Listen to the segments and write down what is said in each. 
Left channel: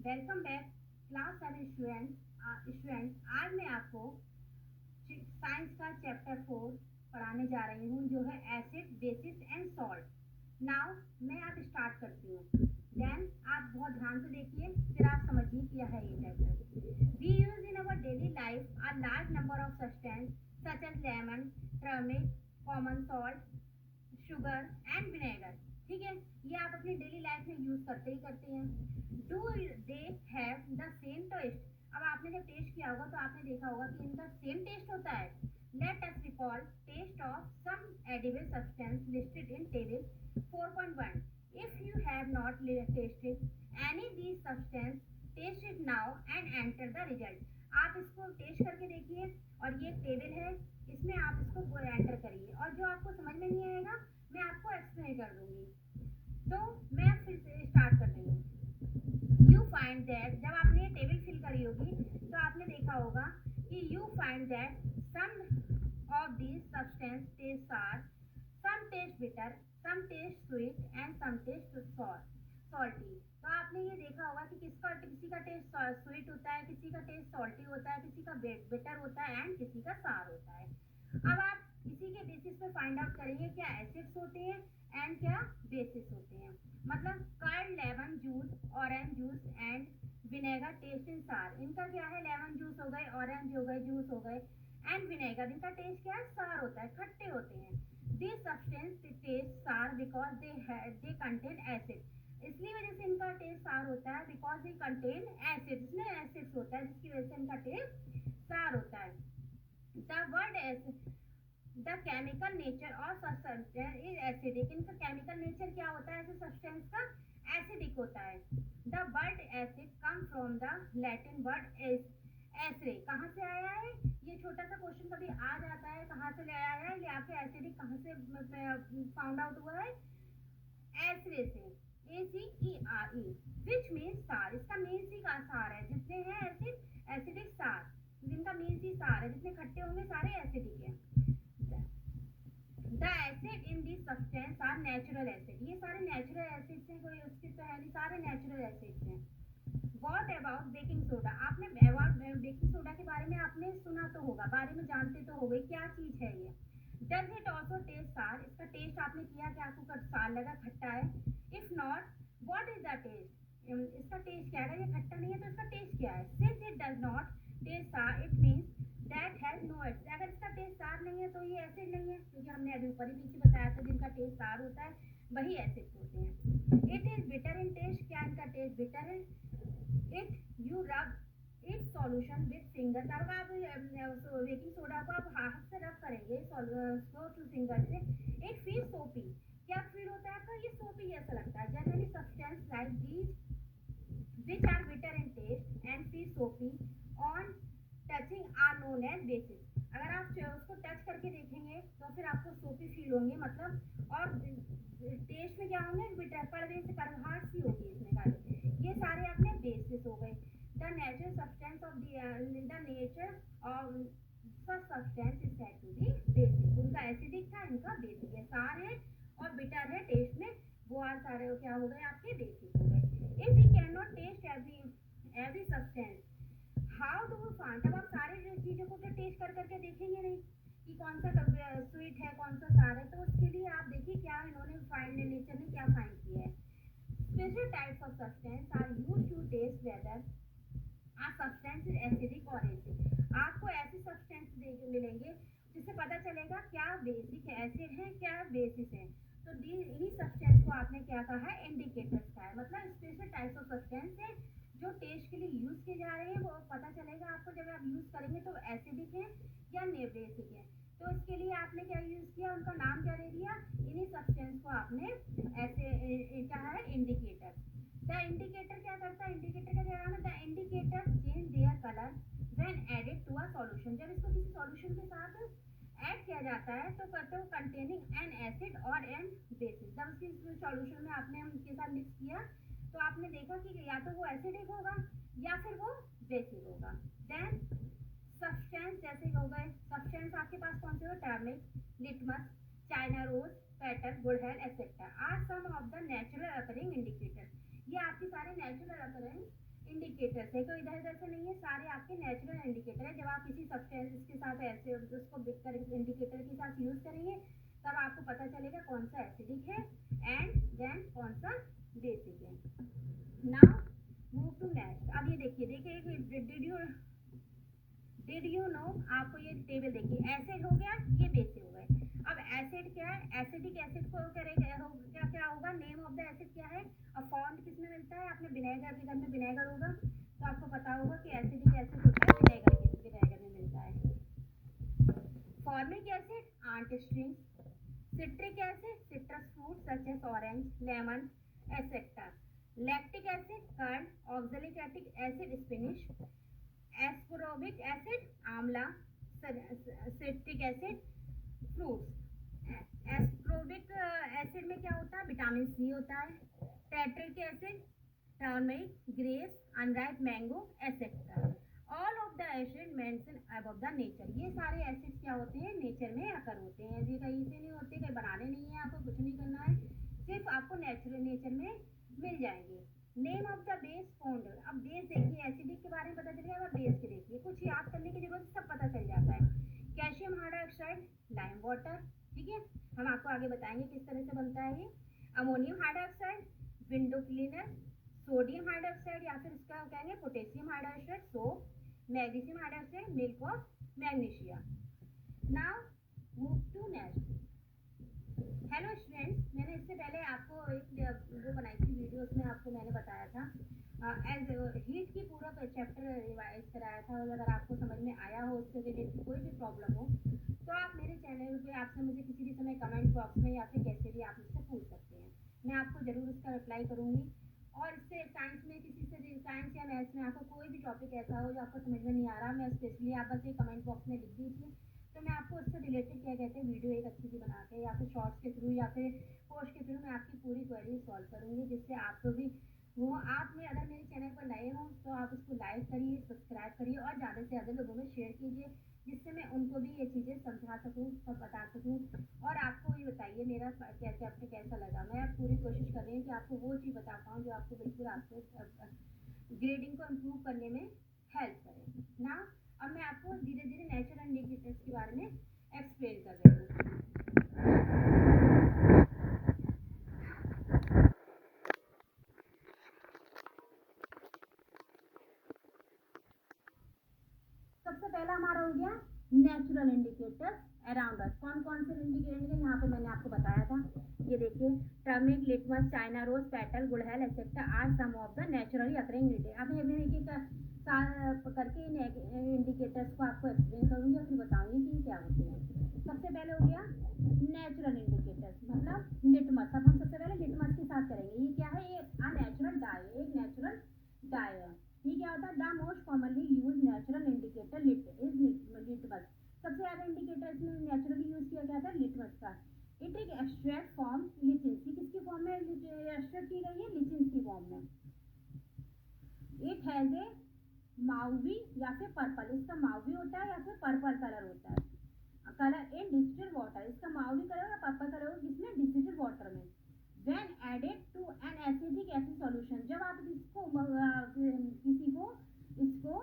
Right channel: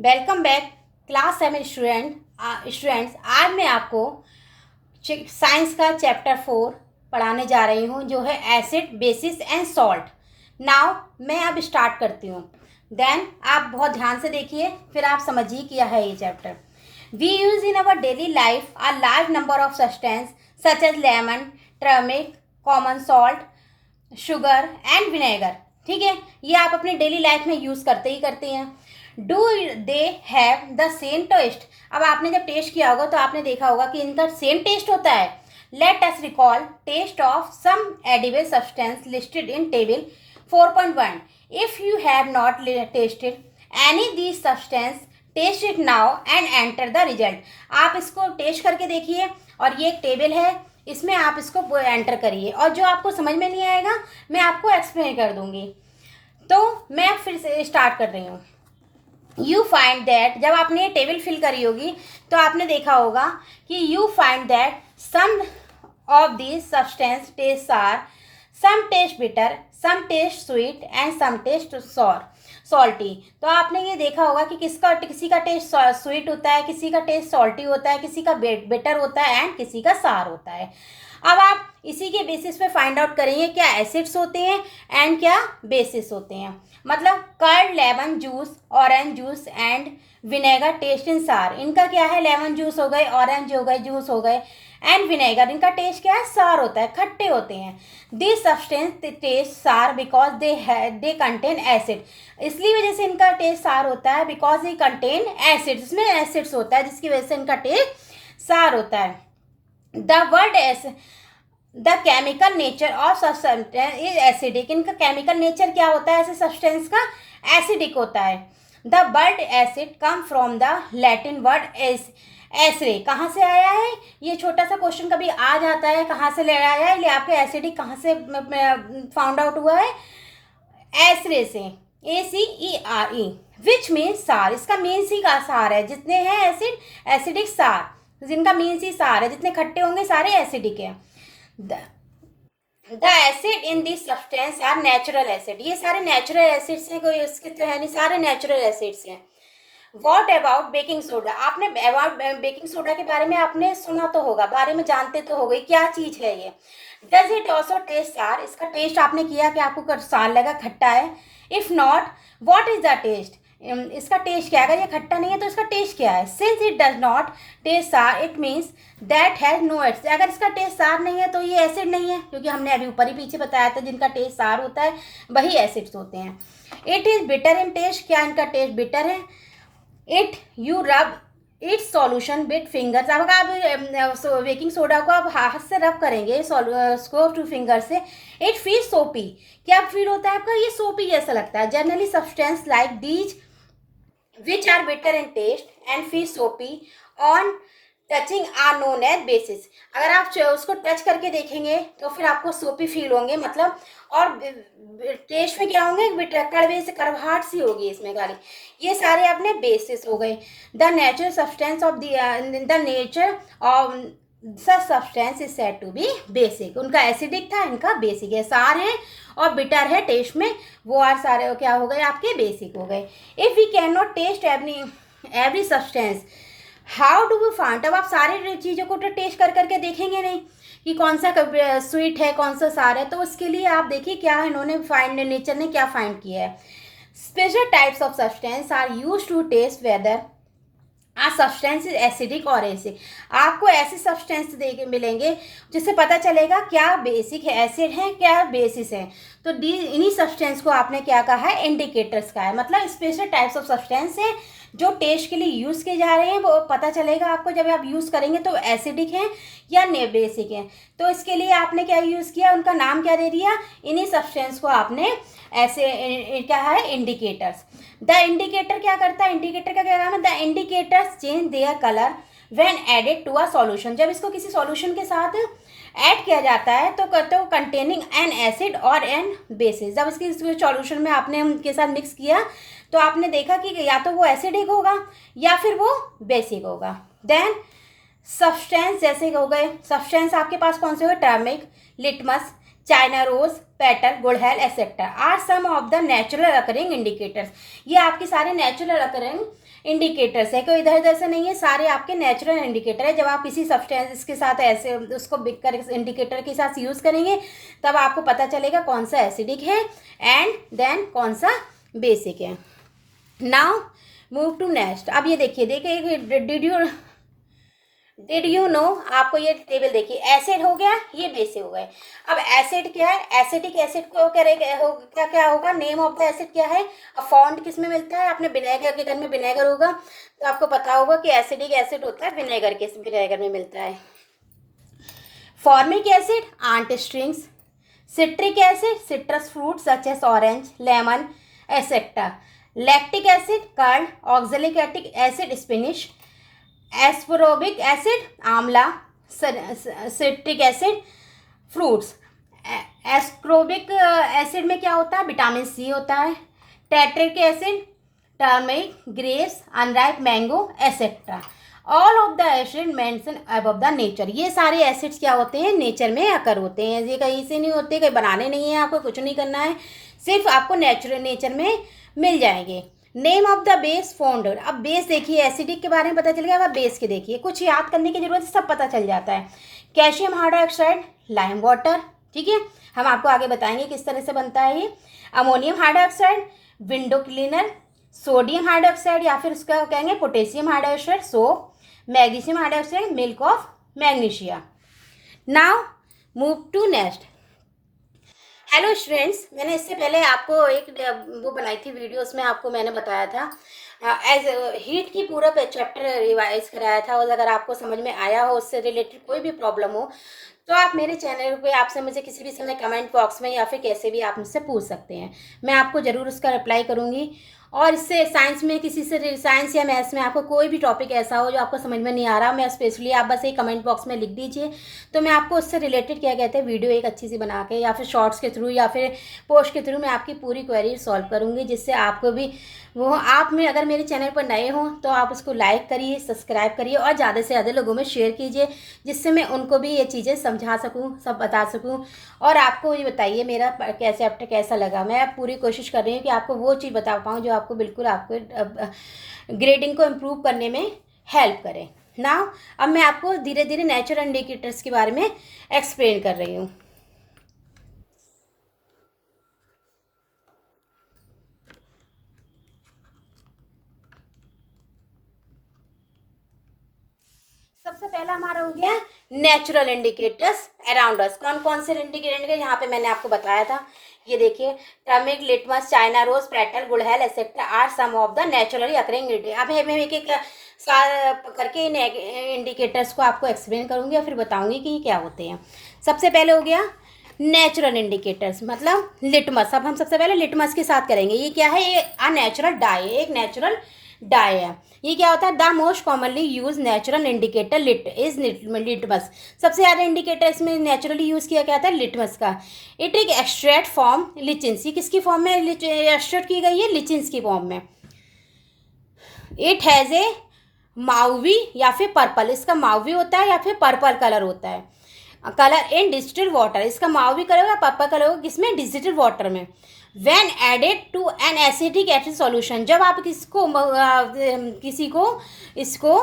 Welcome back class 7 students. आज मैं आपको साइंस का चैप्टर 4 पढ़ाने जा रही हूँ, जो है acid, basis and salt. Now मैं अब स्टार्ट करती हूँ। देन आप बहुत ध्यान से देखिए, फिर आप समझिए क्या है ये chapter. We use in our daily life a large number of substance such as lemon, turmeric, common salt, sugar and vinegar. ठीक है, ये आप अपनी डेली लाइफ में यूज़ करते ही करते हैं। Do they have the same taste? अब आपने जब टेस्ट किया होगा तो आपने देखा होगा कि इनका सेम टेस्ट होता है। Let us recall taste of some edible substance listed in table 4.1. If you have not tasted any these substance, taste it now and enter the result. आप इसको टेस्ट करके देखिए, और ये एक टेबल है, इसमें आप इसको एंटर करिए, और जो आपको समझ में नहीं आएगा मैं आपको एक्सप्लेन कर दूंगी। तो मैं फिर से स्टार्ट कर रही हूँ। यू फाइंड दैट, जब आपने टेबल फिल करी होगी तो आपने देखा होगा कि you find that some of these substance taste sour, some taste bitter, some taste sweet and some taste salty. तो आपने ये देखा होगा कि किसी का टेस्ट स्वीट होता है, किसी का टेस्ट सॉल्टी होता है, किसी का बिटर होता है एंड किसी का सार होता है। अब आप इसी के बेसिस पे फाइंड आउट करेंगे क्या एसिड्स होते हैं एंड क्या बेसिस होते हैं। मतलब curd, lemon juice, orange juice and vinegar taste in sour. इनका क्या है, लेमन जूस हो गए, ऑरेंज हो गए, जूस हो गए एंड विनेगर, इनका टेस्ट क्या है, सार होता है, खट्टे होते हैं। दिस सब्सटेंस टेस्ट सार बिकॉज दे कंटेन एसिड। इसलिए वजह से इनका टेस्ट सार होता है, बिकॉज दे कंटेन एसिड, इसमें एसिड्स होता है जिसकी वजह से इनका टेस्ट सार होता है। The word the chemical nature of substance is acidic. इनका केमिकल नेचर क्या होता है ऐसे सब्सटेंस का, एसिडिक होता है। The word acid come from the Latin word acere. कहाँ से आया है, ये छोटा सा क्वेश्चन कभी आ जाता है, कहाँ से ले आया है, ये आपके एसिडिक कहाँ से फाउंड आउट हुआ है, एसरे से, ACERE, विच मीन सार। इसका मीन सी का सार है, जितने हैं एसिड, एसिडिक सार, जिनका मीन सी सार है, जितने खट्टे होंगे सारे एसिडिक है। The acid in this substance are natural acid. ये सारे नेचुरल एसिड्स हैं, कोई इसके तो है नहीं, सारे नेचुरल एसिड्स हैं। What about baking soda? आपने अबाउट बेकिंग सोडा के बारे में आपने सुना तो होगा, बारे में जानते तो होगा, क्या चीज़ है ये। डज इट ऑल्सो टेस्ट सार? इसका टेस्ट आपने किया कि आपको सार लगा, खट्टा है। If not, what is the taste? इसका टेस्ट क्या है? अगर ये खट्टा नहीं है तो इसका टेस्ट क्या है? Since it does not taste sour, it means that has no acid. अगर इसका टेस्ट सार नहीं है तो ये एसिड नहीं है, क्योंकि हमने अभी ऊपर ही पीछे बताया था जिनका टेस्ट सार होता है वही एसिड्स होते हैं। It is bitter in taste, क्या इनका टेस्ट बिटर है? It you rub its solution with fingers. अब आप बेकिंग सोडा को आप हाथ से रब करेंगे उसको 2 फिंगर से, इट फील सोपी। क्या फील होता है आपका, ये सोपी जैसा लगता है। Generally substance like these which are bitter in taste and feel soapy on touching are known as bases. अगर आप उसको टच करके देखेंगे तो फिर आपको सोपी फील होंगे, मतलब, और टेस्ट में क्या होंगे, कड़वे से कड़वाहट सी होगी इसमें गाली। ये सारे अपने बेसिस हो गए। The natural substance of the nature of such substance is said to be basic. उनका एसिडिक था, इनका बेसिक है। सार है और बिटर है टेस्ट में, वो आर सारे क्या हो गए आपके, बेसिक हो गए। If we can not taste every substance, how do we find? अब आप सारी चीज़ों को तो टेस्ट कर करके देखेंगे नहीं कि कौन सा स्वीट है, कौन सा सार है। तो उसके लिए आप देखिए क्या इन्होंने फाइंड, नेचर ने क्या फाइंड किया है। Special types of substance are use to test whether substance is acidic और एसिड। आपको ऐसे सब्सटेंस देखे मिलेंगे जिससे पता चलेगा क्या बेसिक है, एसिड है, क्या बेसिस है। तो इन्हीं सब्सटेंस को आपने क्या कहा है, इंडिकेटर्स का है। मतलब स्पेशल टाइप्स ऑफ सब्सटेंस है जो टेस्ट के लिए यूज़ किए जा रहे हैं, वो पता चलेगा आपको जब आप यूज़ करेंगे तो एसिडिक है या बेसिक है। तो इसके लिए आपने क्या यूज़ किया, उनका नाम क्या दे दिया, इन्हीं सब्सटेंस को आपने ऐसे क्या है, इंडिकेटर्स। द इंडिकेटर क्या करता है, इंडिकेटर का क्या काम है, the indicators change their colour when added to a solution. जब इसको किसी सॉल्यूशन के साथ ऐड किया जाता है तो कंटेनिंग एन एसिड और एन बेसिस। जब इसकी सॉल्यूशन में आपने उनके साथ मिक्स किया तो आपने देखा कि या तो वो एसिडिक होगा या फिर वो बेसिक होगा। देन सब्सटेंस जैसे हो गए, सब्सटेंस आपके पास कौन से हुए, turmeric, litmus, china rose, petal, gudhal etcetera are some of the natural occurring indicators. ये आपके सारे नेचुरल अकरिंग इंडिकेटर्स है, कोई इधर उधर से नहीं है, सारे आपके नेचुरल इंडिकेटर है। जब आप किसी सब्सटेंस के साथ ऐसे उसको बिक कर इंडिकेटर के साथ यूज़ करेंगे तब आपको पता चलेगा कौन सा एसिडिक है एंड देन कौन सा बेसिक है। Now move to next. अब ये देखिए डिड यू नो, आपको ये टेबल देखिए, एसिड हो गया, ये बेसिक हो गए। अब एसिड क्या है, एसिडिक एसिड को क्या होगा, नेम ऑफ द एसिड क्या है। अब फाउंड किस में मिलता है, अपने विनेगर के घर में विनेगर होगा तो आपको पता होगा कि एसिडिक एसिड होता है विनेगर में मिलता है। Formic acid ant strings, citric acid citrus fruit such as orange, lemon etcetera, lactic acid curd, oxalic acid spinach, ascorbic acid amla, citric acid fruits. Ascorbic acid में क्या होता है, विटामिन सी होता है। Tartaric acid turmeric, grapes, unripe mango etcetera. All of the acid mention above the nature. ये सारे acids क्या होते हैं, नेचर में आकर होते हैं, ये कहीं से नहीं होते, कहीं बनाने नहीं है, आपको कुछ नहीं करना है, सिर्फ आपको नेचर में मिल जाएंगे। Name of the base found. अब बेस देखिए, एसिडिक के बारे में पता चल गया, अब बेस के देखिए, कुछ याद करने की जरूरत है, सब पता चल जाता है। कैल्शियम हाइड्रोक्साइड, लाइम वाटर, ठीक है, हम आपको आगे बताएंगे किस तरह से बनता है ये। Ammonium hydroxide, window cleaner, sodium hydroxide या फिर उसका कहेंगे potassium hydroxide, soap, magnesium hydroxide, milk of magnesia. Now move to next. Hello students, मैंने इससे पहले आपको एक वो बनाई थी वीडियो, उसमें आपको मैंने बताया था एज हीट की पूरा चैप्टर रिवाइज कराया था, और अगर आपको समझ में आया हो, उससे रिलेटेड कोई भी प्रॉब्लम हो तो आप मेरे चैनल पे आपसे मुझे किसी भी समय कमेंट बॉक्स में या फिर कैसे भी आप मुझसे पूछ सकते हैं, मैं आपको ज़रूर उसका रिप्लाई करूँगी। और इससे साइंस में किसी से साइंस या मैथ्स में आपको कोई भी टॉपिक ऐसा हो जो आपको समझ में नहीं आ रहा, मैं स्पेशली आप बस एक कमेंट बॉक्स में लिख दीजिए, तो मैं आपको उससे रिलेटेड क्या कहते हैं वीडियो एक अच्छी सी बना के या फिर शॉर्ट्स के थ्रू या फिर पोस्ट के थ्रू मैं आपकी पूरी क्वेरी सॉल्व करूँगी, जिससे आपको भी वो आप में अगर मेरे चैनल पर नए हों तो आप उसको लाइक करिए, सब्सक्राइब करिए और ज़्यादा से ज़्यादा लोगों में शेयर कीजिए, जिससे मैं उनको भी ये चीज़ें समझा सकूं, सब बता सकूं। और आपको ये बताइए मेरा चैप्टर कैसा लगा। मैं पूरी कोशिश कर रही हूँ कि आपको वो चीज़ बता पाऊँ जो आपको बिल्कुल आपको ग्रेडिंग को इम्प्रूव करने में हेल्प करें ना। अब मैं आपको धीरे धीरे नेचुरल इंडिकेटर्स के बारे में एक्सप्लेन कर रही हूँ। सबसे पहला हमारा हो गया नेचुरल इंडिकेटर्स अराउंड अस। कौन कौन से इंडिकेटर यहाँ पे मैंने आपको बताया था, ये देखिए, turmeric, litmus, china rose, petal, gudhal etcetera are some of the naturally occurring indicator. अब मैं एक एक करके इन इंडिकेटर्स को आपको एक्सप्लेन करूँगी और फिर बताऊँगी कि ये क्या होते हैं। सबसे पहले हो गया नेचुरल इंडिकेटर्स, मतलब लिटमस। अब हम सबसे पहले लिटमस के साथ करेंगे। ये क्या है, ये अनैचुरल डाई, एक नेचुरल डाई है। ये क्या होता है, the most commonly use natural indicator litmus. सबसे ज़्यादा इंडिकेटर इसमें नेचुरली यूज़ किया गया था लिटमस का। इट एक एक्सट्रैक्ट फॉर्म लिचिन्स, किसकी फॉर्म में एक्सट्रैक्ट की गई है, लिचिन्स की फॉर्म में। इट हैज़ ए माउवी या फिर पर्पल, इसका माउवी होता है या फिर पर्पल कलर होता है, कलर इन डिस्टिल्ड वाटर। इसका माउवी कलर होगा, पर्पल कलर होगा, किसमें, डिस्टिल्ड वाटर में। When added to an acidic acid solution, जब आप किसी को इसको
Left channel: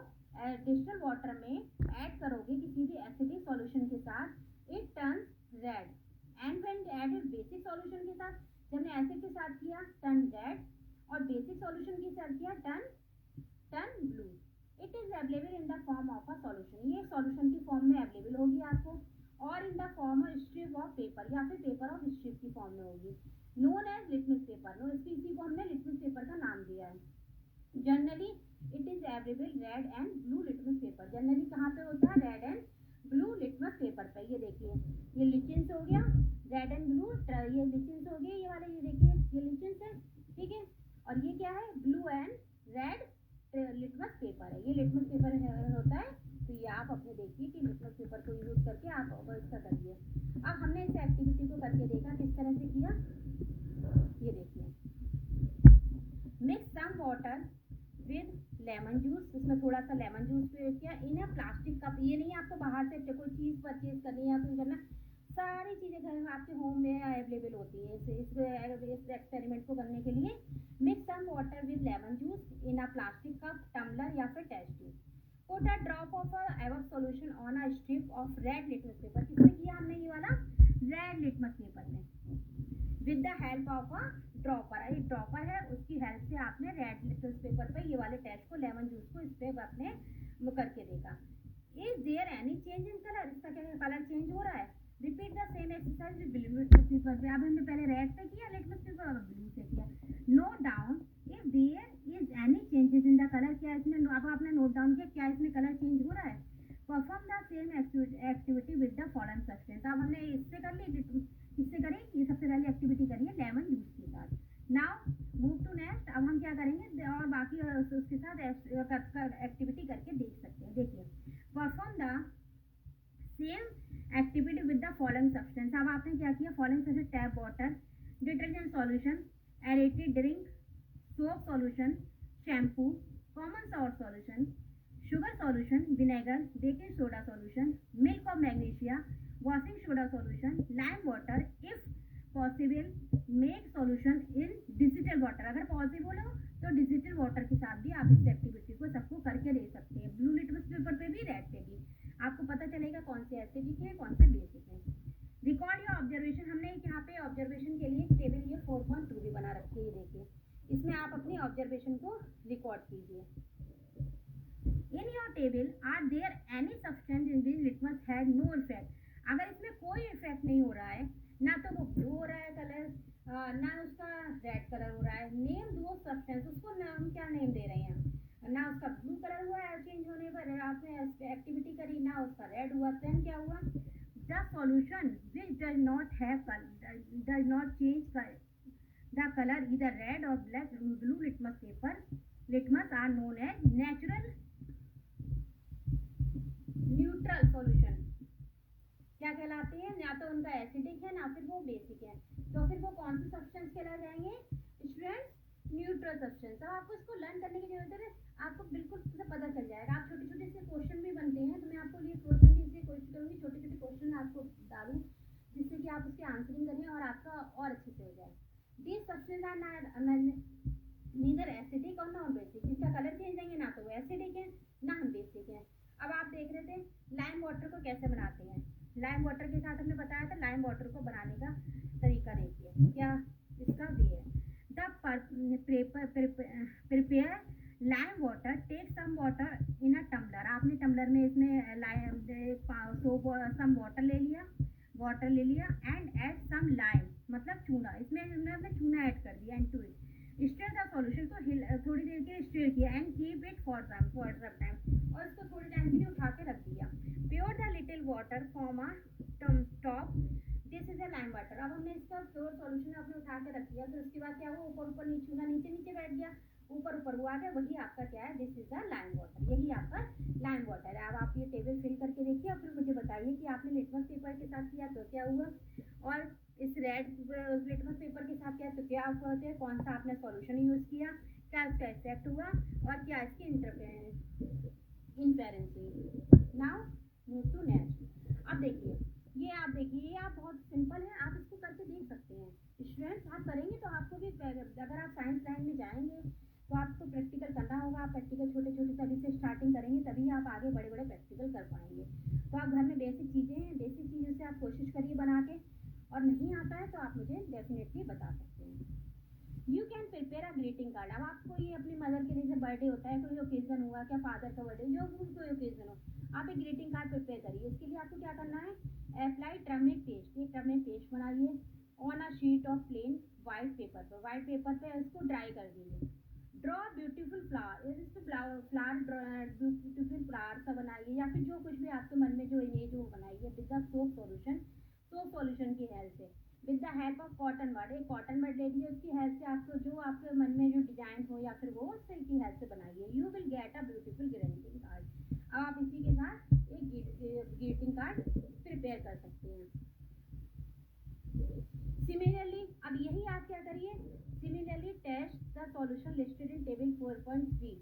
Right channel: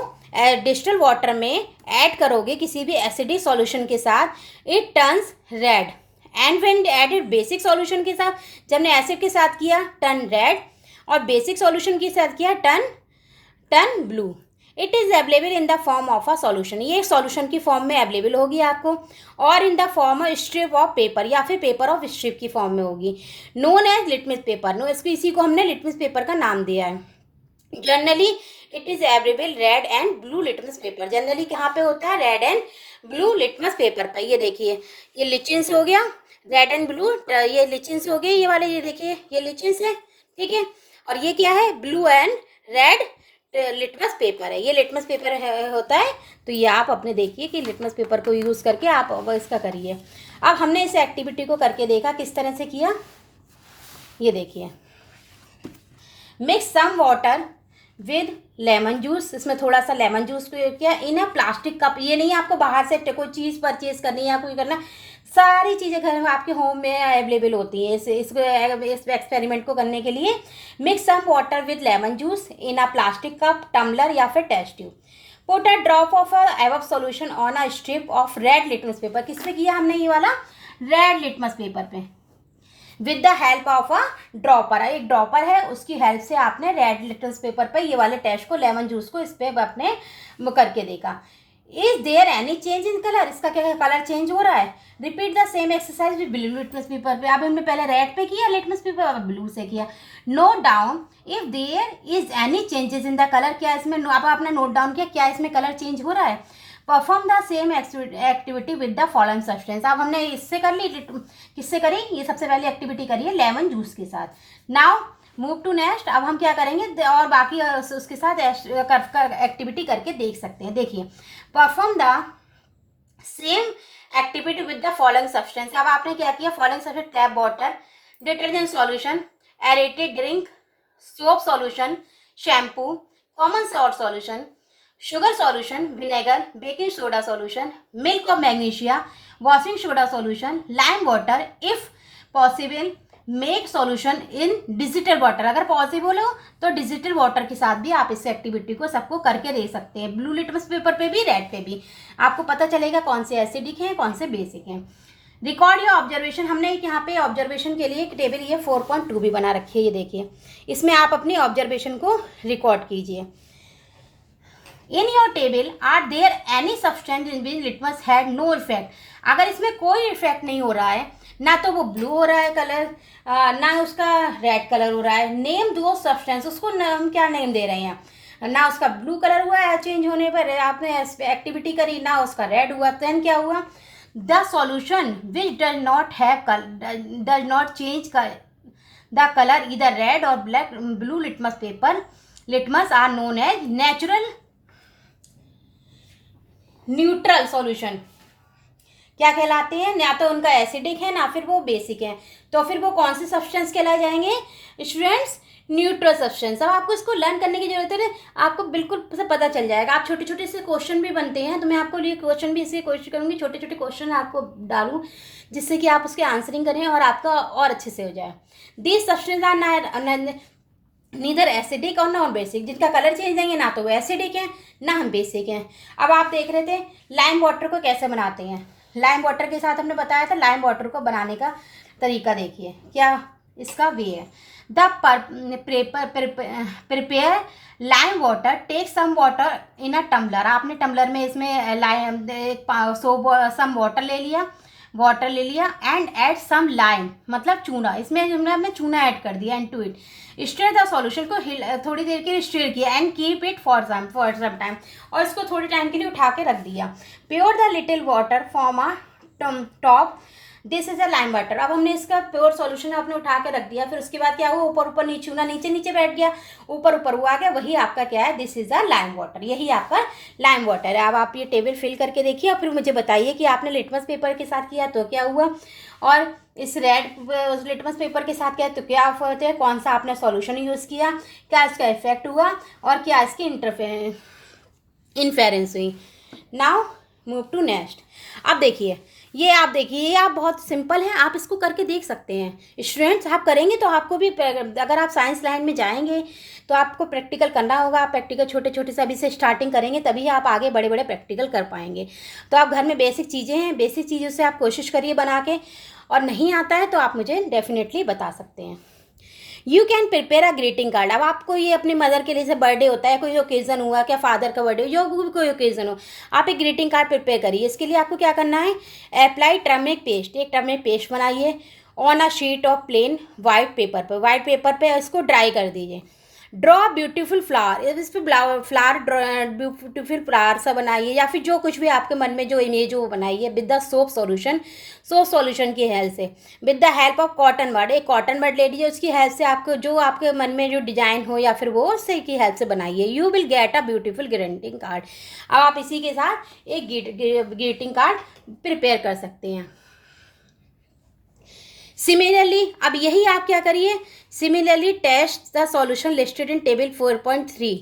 डिस्टिल्ड वाटर में ऐड करोगे किसी भी एसिडिक सॉल्यूशन के साथ, it turns red. And when added basic solution के साथ, जब हमने एसिड के साथ किया टर्न रेड, और बेसिक सॉल्यूशन के साथ किया turn blue. It is available in the form of a solution, ये सॉल्यूशन की फॉर्म में अवेलेबल होगी आपको, और in the form of strip of paper या फिर पेपर ऑफ स्ट्रिप की फॉर्म में होगी, known as litmus paper. No, इसको इसी को हमने लिटमस पेपर का नाम दिया है। Generally it is available red and blue litmus paper. Generally कहाँ पे होता है, red and blue litmus paper पर। ये देखिए, ये लिचिन्स हो गया, रेड एंड ब्लू, ये लिचिन्स हो गए, ये वाले, ये देखिए ये लिचिन्स है, ठीक है, और ये क्या है, blue and red litmus paper है। ये लिटमस पेपर होता है, तो ये आप अपने देखिए कि लिटमस पेपर को यूज़ करके आप इसका करिए। अब हमने इस एक्टिविटी को करके देखा, किस तरह से किया, ये देखिए। Mix some water with lemon juice, इसमें थोड़ा सा लेमन जूस किया इन अ प्लास्टिक कप। ये नहीं आपको बाहर से कोई चीज़ परचेज करनी है या कोई करना, सारी चीज़ें घर में आपके होम में अवेलेबल होती हैं इस एक्सपेरिमेंट को करने के लिए। Mix some water with lemon juice in a plastic cup, tumbler या फिर test tube. Put a drop of above solution on a strip of red litmus paper. किस पे किया हमने ये वाला? रेड लिटमस पेपर पे। With the help of a dropper, एक ड्रॉपर है उसकी हेल्प से आपने रेड लिटमस पेपर पे ये वाले टेस्ट को, लेमन जूस को इस पे अपने करके देखा। Is there any change in colour, इसका क्या कलर चेंज हो रहा है? Repeat the same exercise with blue litmus paper पे। अब हमने पहले रेड पे किया लिटमस पेपर, अब ब्लू से किया। Note down if there is any changes in the colour, क्या इसमें अब आपने नोट डाउन किया क्या इसमें कलर चेंज हो रहा है? Perform the same activity with the following substance. अब हमने इससे कर ली, किससे करी? ये सबसे पहले एक्टिविटी करी है लेमन जूस के साथ। Now move to next. अब हम क्या करेंगे और बाकी उसके साथ एक्टिविटी करके देख सकते हैं। देखिए, perform the same activity with the following substance. अब आपने क्या किया? Following substance tap water, detergent solution, aerated drink, soap solution, shampoo, common salt solution, sugar solution, vinegar, baking soda solution, milk of magnesia, washing soda solution, lime water. If possible make solution in digital water. अगर possible हो तो digital water के साथ भी आप इस activity को सबको करके दे सकते हैं, ब्लू लिटमस पेपर पे भी, रेड पे भी। आपको पता चलेगा कौन से एसिडिक हैं कौन से बेसिक हैं। Record your observation. हमने यहाँ पे ऑब्जर्वेशन के लिए एक टेबल ये 4.2 भी बना रखी है, ये देखिए। इसमें आप अपनी ऑब्जर्वेशन को रिकॉर्ड कीजिए। In your table are there any substance in which litmus had no effect. अगर इसमें कोई इफेक्ट नहीं हो रहा है, ना तो वो ब्लू हो रहा है कलर, ना उसका रेड कलर हो रहा है, नेम दो सब्सटेंस, उसको हम क्या नेम दे रहे हैं? ना उसका ब्लू कलर हुआ है चेंज होने पर, आपने एक्टिविटी करी, ना उसका रेड हुआ, देन क्या हुआ? The solution which does not change the colour इधर रेड और black blue litmus paper litmus are known as natural neutral solution. क्या कहलाते हैं? ना तो उनका एसिडिक है ना फिर वो बेसिक है, तो फिर वो कौन से सब्सटेंस कहलाए जाएंगे स्टूडेंट्स? Neutral substance. अब आपको इसको लर्न करने की जरूरत है, आपको बिल्कुल से पता चल जाएगा। आप छोटे छोटे से क्वेश्चन भी बनते हैं, तो मैं आपको ये क्वेश्चन भी इसलिए कोशिश करूंगी छोटे छोटे क्वेश्चन आपको डालूं जिससे कि आप उसके आंसरिंग करें और आपका और अच्छे से हो जाए। This substance are neither acidic और नॉन बेसिक, जिनका कलर चेंज देंगे ना तो वो एसिडिक है ना हम बेसिक हैं। अब आप देख रहे थे लाइम वाटर को कैसे बनाते हैं। लाइम वाटर के साथ हमने बताया था लाइम वाटर को बनाने का तरीका। देखिए क्या इसका वे है। The prepare lime water, take some water in a tumbler. आपने टम्बलर में इसमें सम वाटर ले लिया एंड ऐड सम लाइम, मतलब चूना। इसमें हमने चूना ऐड कर दिया and to it stir the solution को थोड़ी देर के लिए स्टर किया and keep it for some time, और इसको थोड़ी टाइम के लिए उठा के रख दिया। Pure the little water form a top, this is a lime water. अब हमने इसका प्योर सॉल्यूशन आपने उठा के रख दिया, फिर उसके बाद क्या हुआ? ऊपर ऊपर नीचे चूना नीचे नीचे बैठ गया, ऊपर ऊपर हुआ गया, वही आपका क्या है? This is a lime water, यही आपका लाइम वाटर है। अब आप ये टेबल फिल करके देखिए और फिर मुझे बताइए कि आपने लिटमस पेपर के साथ किया तो क्या हुआ, और इस रेड लिटमस पेपर के साथ क्या तो क्या होते हैं, कौन सा आपने सॉल्यूशन यूज़ किया, क्या इसका इफेक्ट हुआ और क्या इसकी इन्फेरेंस हुई। Now move to next. अब देखिए ये आप बहुत सिंपल है, आप इसको करके देख सकते हैं स्टूडेंट्स। आप करेंगे तो आपको भी, अगर आप साइंस लाइन में जाएंगे तो आपको प्रैक्टिकल करना होगा। आप प्रैक्टिकल छोटे छोटे से अभी से स्टार्टिंग करेंगे तभी आप आगे बड़े बड़े प्रैक्टिकल कर पाएंगे। तो आप घर में बेसिक चीज़ें हैं, बेसिक चीज़ों से आप कोशिश करिए बना के, और नहीं आता है तो आप मुझे डेफिनेटली बता सकते हैं। You can prepare a greeting card. अब आपको ये अपनी मदर के लिए जैसे बर्थडे होता है, कोई ओकेज़न हुआ, क्या फादर का बर्थडे, जो भी कोई ओकेज़न हो, आप एक ग्रीटिंग कार्ड प्रिपेयर करिए। इसके लिए आपको क्या करना है? अप्लाई टर्मरिक पेस्ट, एक टर्मरिक पेस्ट बनाइए on a sheet of plain white paper पे इसको ड्राई कर दीजिए। ड्रॉ ब्यूटीफुल फ्लावर, इस पर फ्लावर ब्यूटीफुल फ्लावर सा बनाइए, या फिर जो कुछ भी आपके मन में जो इमेज हो वो बनाइए विद द सोप सॉल्यूशन की हेल्प से। With the help of cotton bud, एक कॉटन बड ले लीजिए, उसकी हेल्प से आपको जो आपके मन में जो डिजाइन हो या फिर वो उससे की हेल्प से बनाइए। You will get a beautiful greeting card. अब आप इसी के साथ एक ग्रीटिंग कार्ड प्रिपेयर कर सकते हैं। सिमिलरली अब यही आप क्या करिए, similarly test the solution listed in table 4.3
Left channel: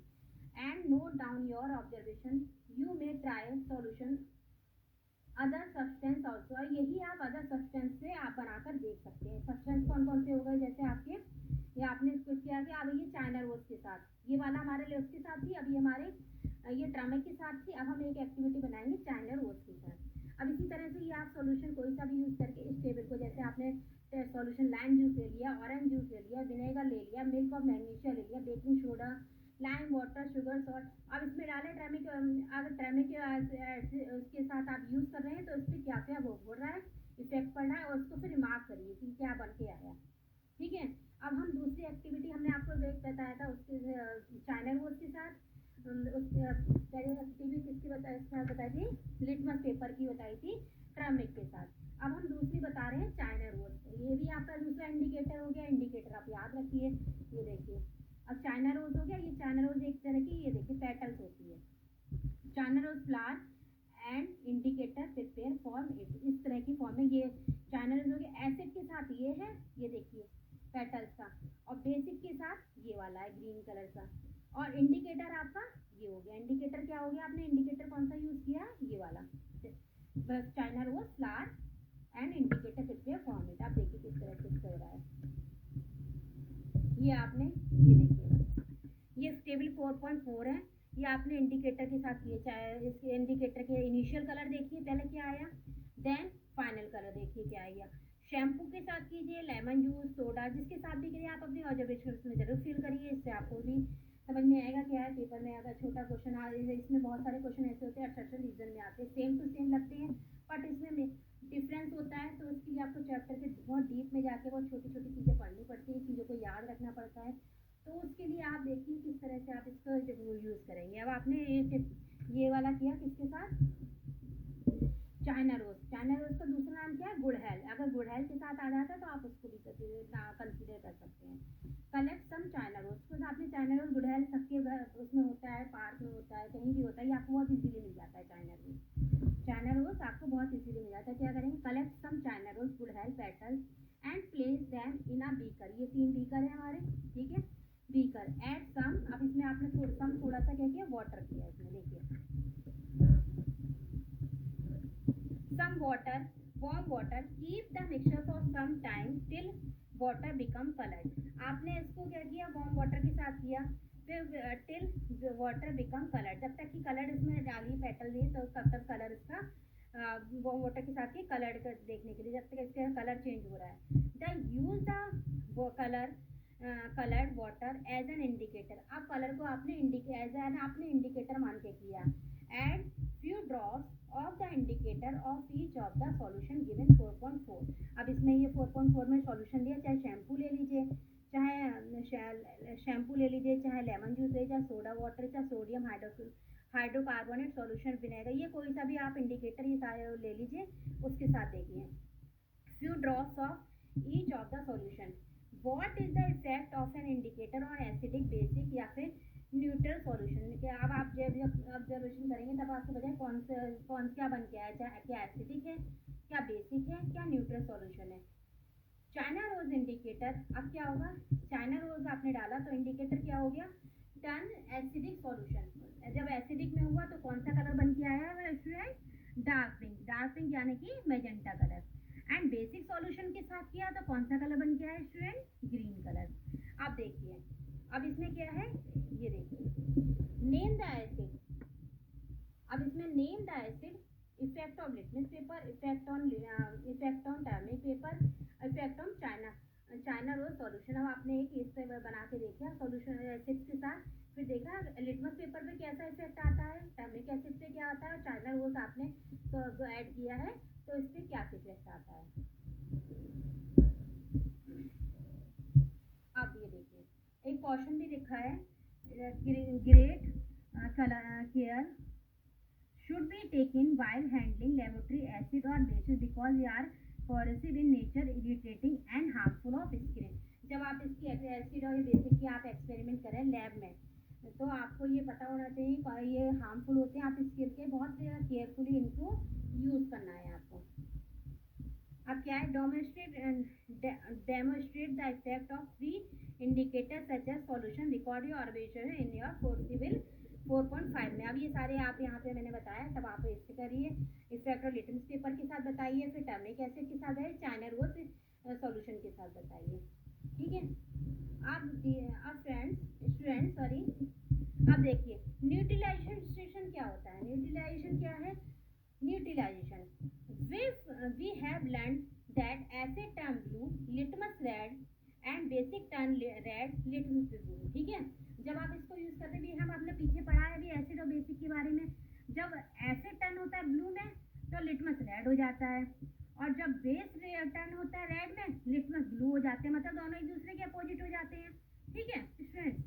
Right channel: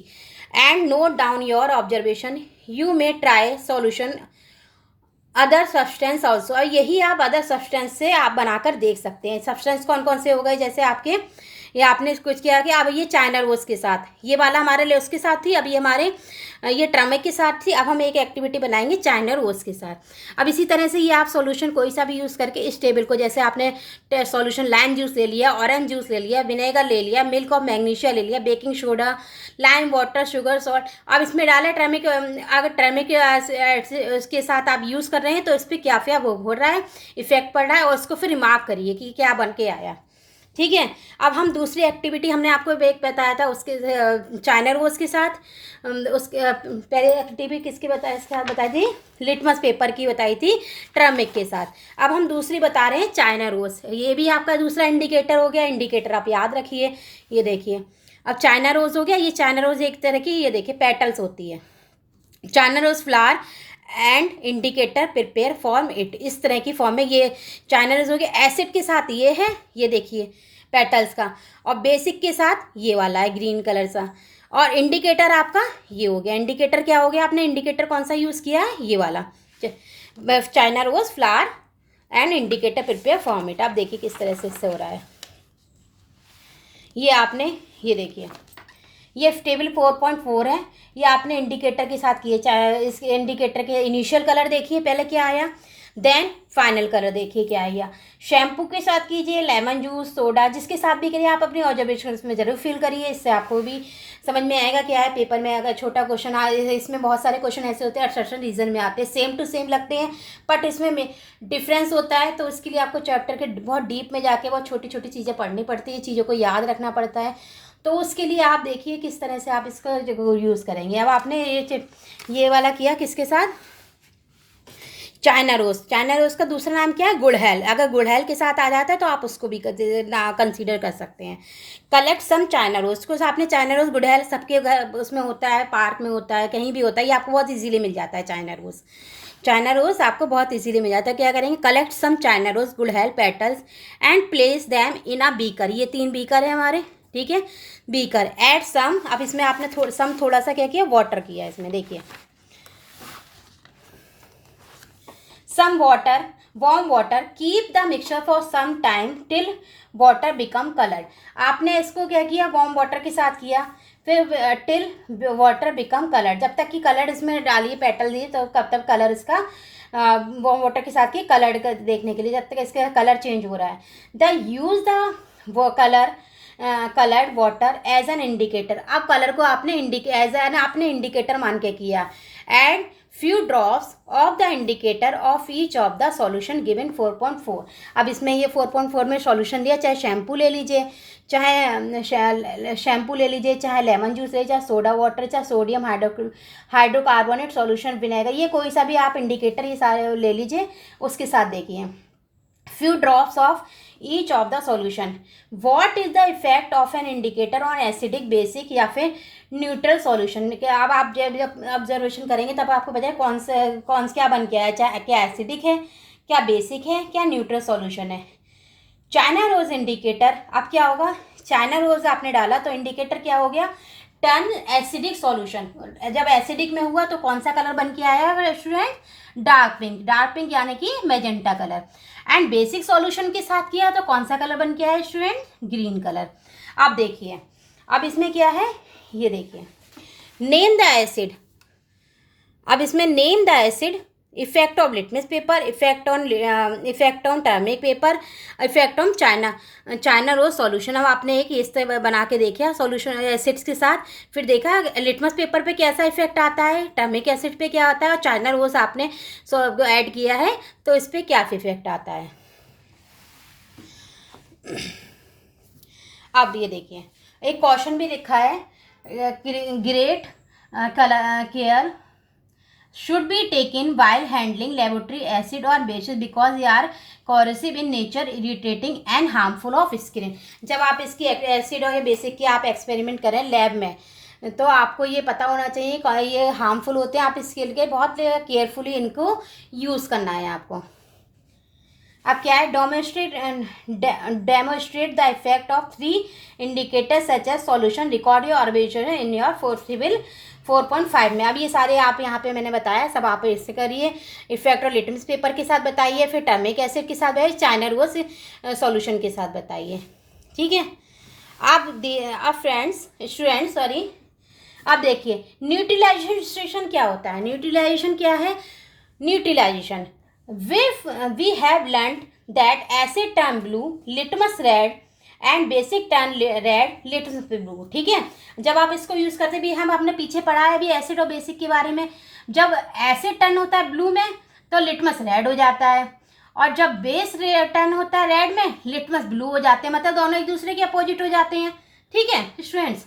and note down your observation, you may try solution other substance also. और यही आप अदर सब्सटेंस से आप बनाकर देख सकते हैं। सब्सटेंस कौन कौन से हो गए, जैसे आपके ये आपने कुछ किया कि अब ये चाइना रोज के साथ, ये वाला हमारे लिए उसके साथ थी, अब ये हमारे ये टर्मरिक के साथ थी। अब हम एक एक्टिविटी बनाएंगे चाइना रोज के साथ। अब इसी तरह से ये आप सॉल्यूशन कोई सा भी यूज़ करके इस टेबल को, जैसे आपने सॉल्यूशन लाइम जूस ले लिया, ऑरेंज जूस ले लिया, विनेगर ले लिया, मिल्क ऑफ मैग्नीशिया ले लिया, baking soda, lime water, sugar, salt, अब इसमें डाला टर्मरिक। अगर टर्मरिक उसके साथ आप यूज़ कर रहे हैं तो इस पर क्या क्या वो हो रहा है, इफेक्ट पड़ रहा है, और उसको फिर रिमार्क करिए कि क्या बन के आया। ठीक है। अब हम दूसरी एक्टिविटी हमने आपको एक बताया था उसके चाइना रोज के साथ, उसके पहले एक्टिविटी किसकी बताया, इसके साथ बताई थी, लिटमस पेपर की बताई थी टर्मरिक के साथ। अब हम दूसरी बता रहे हैं चाइना रोज। ये भी आपका दूसरा इंडिकेटर हो गया। इंडिकेटर आप याद रखिए, ये देखिए। अब चाइना रोज हो गया। ये चाइना रोज एक तरह की, ये देखिए, पेटल्स होती है। China rose flower and indicator prepare form it, इस तरह की फॉर्म में ये चाइना रोज हो गया। एसिड के साथ ये है, ये देखिए पेटल्स का, और बेसिक के साथ ये वाला है ग्रीन कलर सा। और इंडिकेटर आपका ये हो गया। इंडिकेटर क्या हो गया, आपने इंडिकेटर कौन सा यूज़ किया है, ये वाला China rose flower and indicator prepare form it. आप देखिए किस तरह से इससे हो रहा है। ये आपने, ये देखिए, ये टेबल 4.4 है। ये आपने इंडिकेटर के साथ किए, चाहे इस इंडिकेटर के इनिशियल कलर देखिए पहले क्या आया, देन फाइनल कलर देखिए क्या आया। शैम्पू के साथ कीजिए, लेमन जूस, सोडा, जिसके साथ भी करिए, आप अपनी ऑब्जर्वेशन में ज़रूर फिल करिए, इससे आपको भी समझ में आएगा क्या है। पेपर में अगर छोटा क्वेश्चन इसमें बहुत सारे क्वेश्चन ऐसे होते हैं सर्टेन रीजन में आते हैं, सेम टू सेम लगते हैं, बट इसमें डिफरेंस होता है। तो इसके लिए आपको चैप्टर के बहुत डीप में जाके बहुत छोटी छोटी चीज़ें पढ़नी पड़ती है, चीज़ों को याद रखना पड़ता है। तो उसके लिए आप देखिए किस तरह से आप इसको यूज़ करेंगे। अब आपने ये वाला किया किसके साथ, चाइना रोज। चाइना रोज का दूसरा नाम क्या है, गुड़हल। अगर गुड़हल के साथ आ जाता है तो आप उसको भी कंसीडर कर सकते हैं। कलेक्ट सम चाइना रोज को, आपने चाइना रोज, गुड़हल सबके घर उसमें होता है, पार्क में होता है, कहीं भी होता है, ये आपको बहुत इजीली मिल जाता है। चाइना रोज, चाइना रोज आपको बहुत इजीली मिल जाता है। क्या करेंगे, कलेक्ट सम चाइना रोज गुड़हल petals and place them in a beaker. ये 3 बीकर है हमारे, ठीक है, बीकर। ऐड सम, अब इसमें आपने थोड़ा सा क्या किया, वाटर किया इसमें, देखिए some water, warm water, keep the mixture for some time till water become colored। आपने इसको क्या किया, वार्म वाटर के साथ किया, फिर टिल वाटर बिकम कलर, जब तक कि कलर इसमें डालिए, पेटल दिए, तो कब तक कलर इसका वार्म वाटर के साथ की कलर देखने के लिए, जब तक इसका कलर चेंज हो रहा है। The use the coloured water as an indicator. अब कलर को आपने एज एन आपने इंडिकेटर मान के किया। And few drops of the indicator of each of the solution given 4.4। अब इसमें ये 4.4 में सॉल्यूशन दिया, चाहे शैम्पू ले लीजिए, चाहे शैम्पू ले लीजिए, चाहे लेमन जूस ले, चाहे सोडा वाटर, चाहे सोडियम हाइड्रोकार्बोनेट सॉल्यूशन, विनेगर, ये कोई सा भी आप इंडिकेटर ये सारे ले लीजिए, उसके साथ देखिए। few drops of each of the solution। what is the effect of an indicator on acidic, basic या फिर न्यूट्रल सॉल्यूशन। अब आप जब ऑब्जर्वेशन करेंगे तब आपको पता है कौन से क्या बन के आया, चाहे क्या एसिडिक है, क्या बेसिक है, क्या न्यूट्रल सॉल्यूशन है। चाइना रोज इंडिकेटर, अब क्या होगा, चाइना रोज आपने डाला तो इंडिकेटर क्या हो गया, टर्न एसिडिक सॉल्यूशन। जब एसिडिक में हुआ तो कौन सा कलर बन के आया student, dark pink, dark pink यानी कि magenta colour. And basic solution के साथ किया तो कौन सा कलर बन के आया स्टूडेंट, ग्रीन कलर। अब देखिए, अब इसमें क्या है, ये देखिए, नेम द एसिड। अब इसमें name the acid, effect of litmus paper, effect on turmeric paper, effect on China rose solution. अब आपने एक इस तरह बना के देखा सॉल्यूशन एसिड्स के साथ, फिर देखा लिटमस पेपर पे कैसा इफेक्ट आता है, टर्मरिक एसिड पे क्या आता है, और चाइना रोज आपने ऐड किया है तो इस पर क्या इफेक्ट आता है। अब ये देखिए, एक क्वेश्चन भी लिखा है, great care should be taken while handling laboratory acid or bases because they are corrosive in nature, irritating and harmful of skin। जब आप इसकी एसिड और बेसिक की आप एक्सपेरिमेंट करें लैब में तो आपको ये पता होना चाहिए ये हार्मफुल होते हैं, आप इसके लिए बहुत केयरफुली इनको यूज़ करना है आपको। अब क्या है, demonstrate the effect of 3 indicators such as solution, record your observation in your forcible 4.5 में। अब ये सारे आप यहाँ पे मैंने बताया, सब आप इससे करिए। इफेक्ट और लिटमस पेपर के साथ बताइए, फिर टर्मिक एसिड के साथ बताइए, चाइना रोज सॉल्यूशन के साथ बताइए। ठीक है। अब फ्रेंड्स स्टूडेंट्स सॉरी, अब देखिए न्यूट्रलाइजेशन क्या होता है। न्यूट्रलाइजेशन क्या है? Neutralisation, we have learned that acid turn blue, litmus red and basic turn red, litmus blue. ठीक है। जब आप इसको यूज़ करते भी, हम अपने पीछे पढ़ा है भी एसिड और बेसिक के बारे में। जब एसिड टर्न होता है ब्लू में तो लिटमस रेड हो जाता है, और जब बेस टर्न होता है रेड में, लिटमस ब्लू हो जाते हैं। मतलब दोनों एक दूसरे के अपोजिट हो जाते हैं। ठीक है students,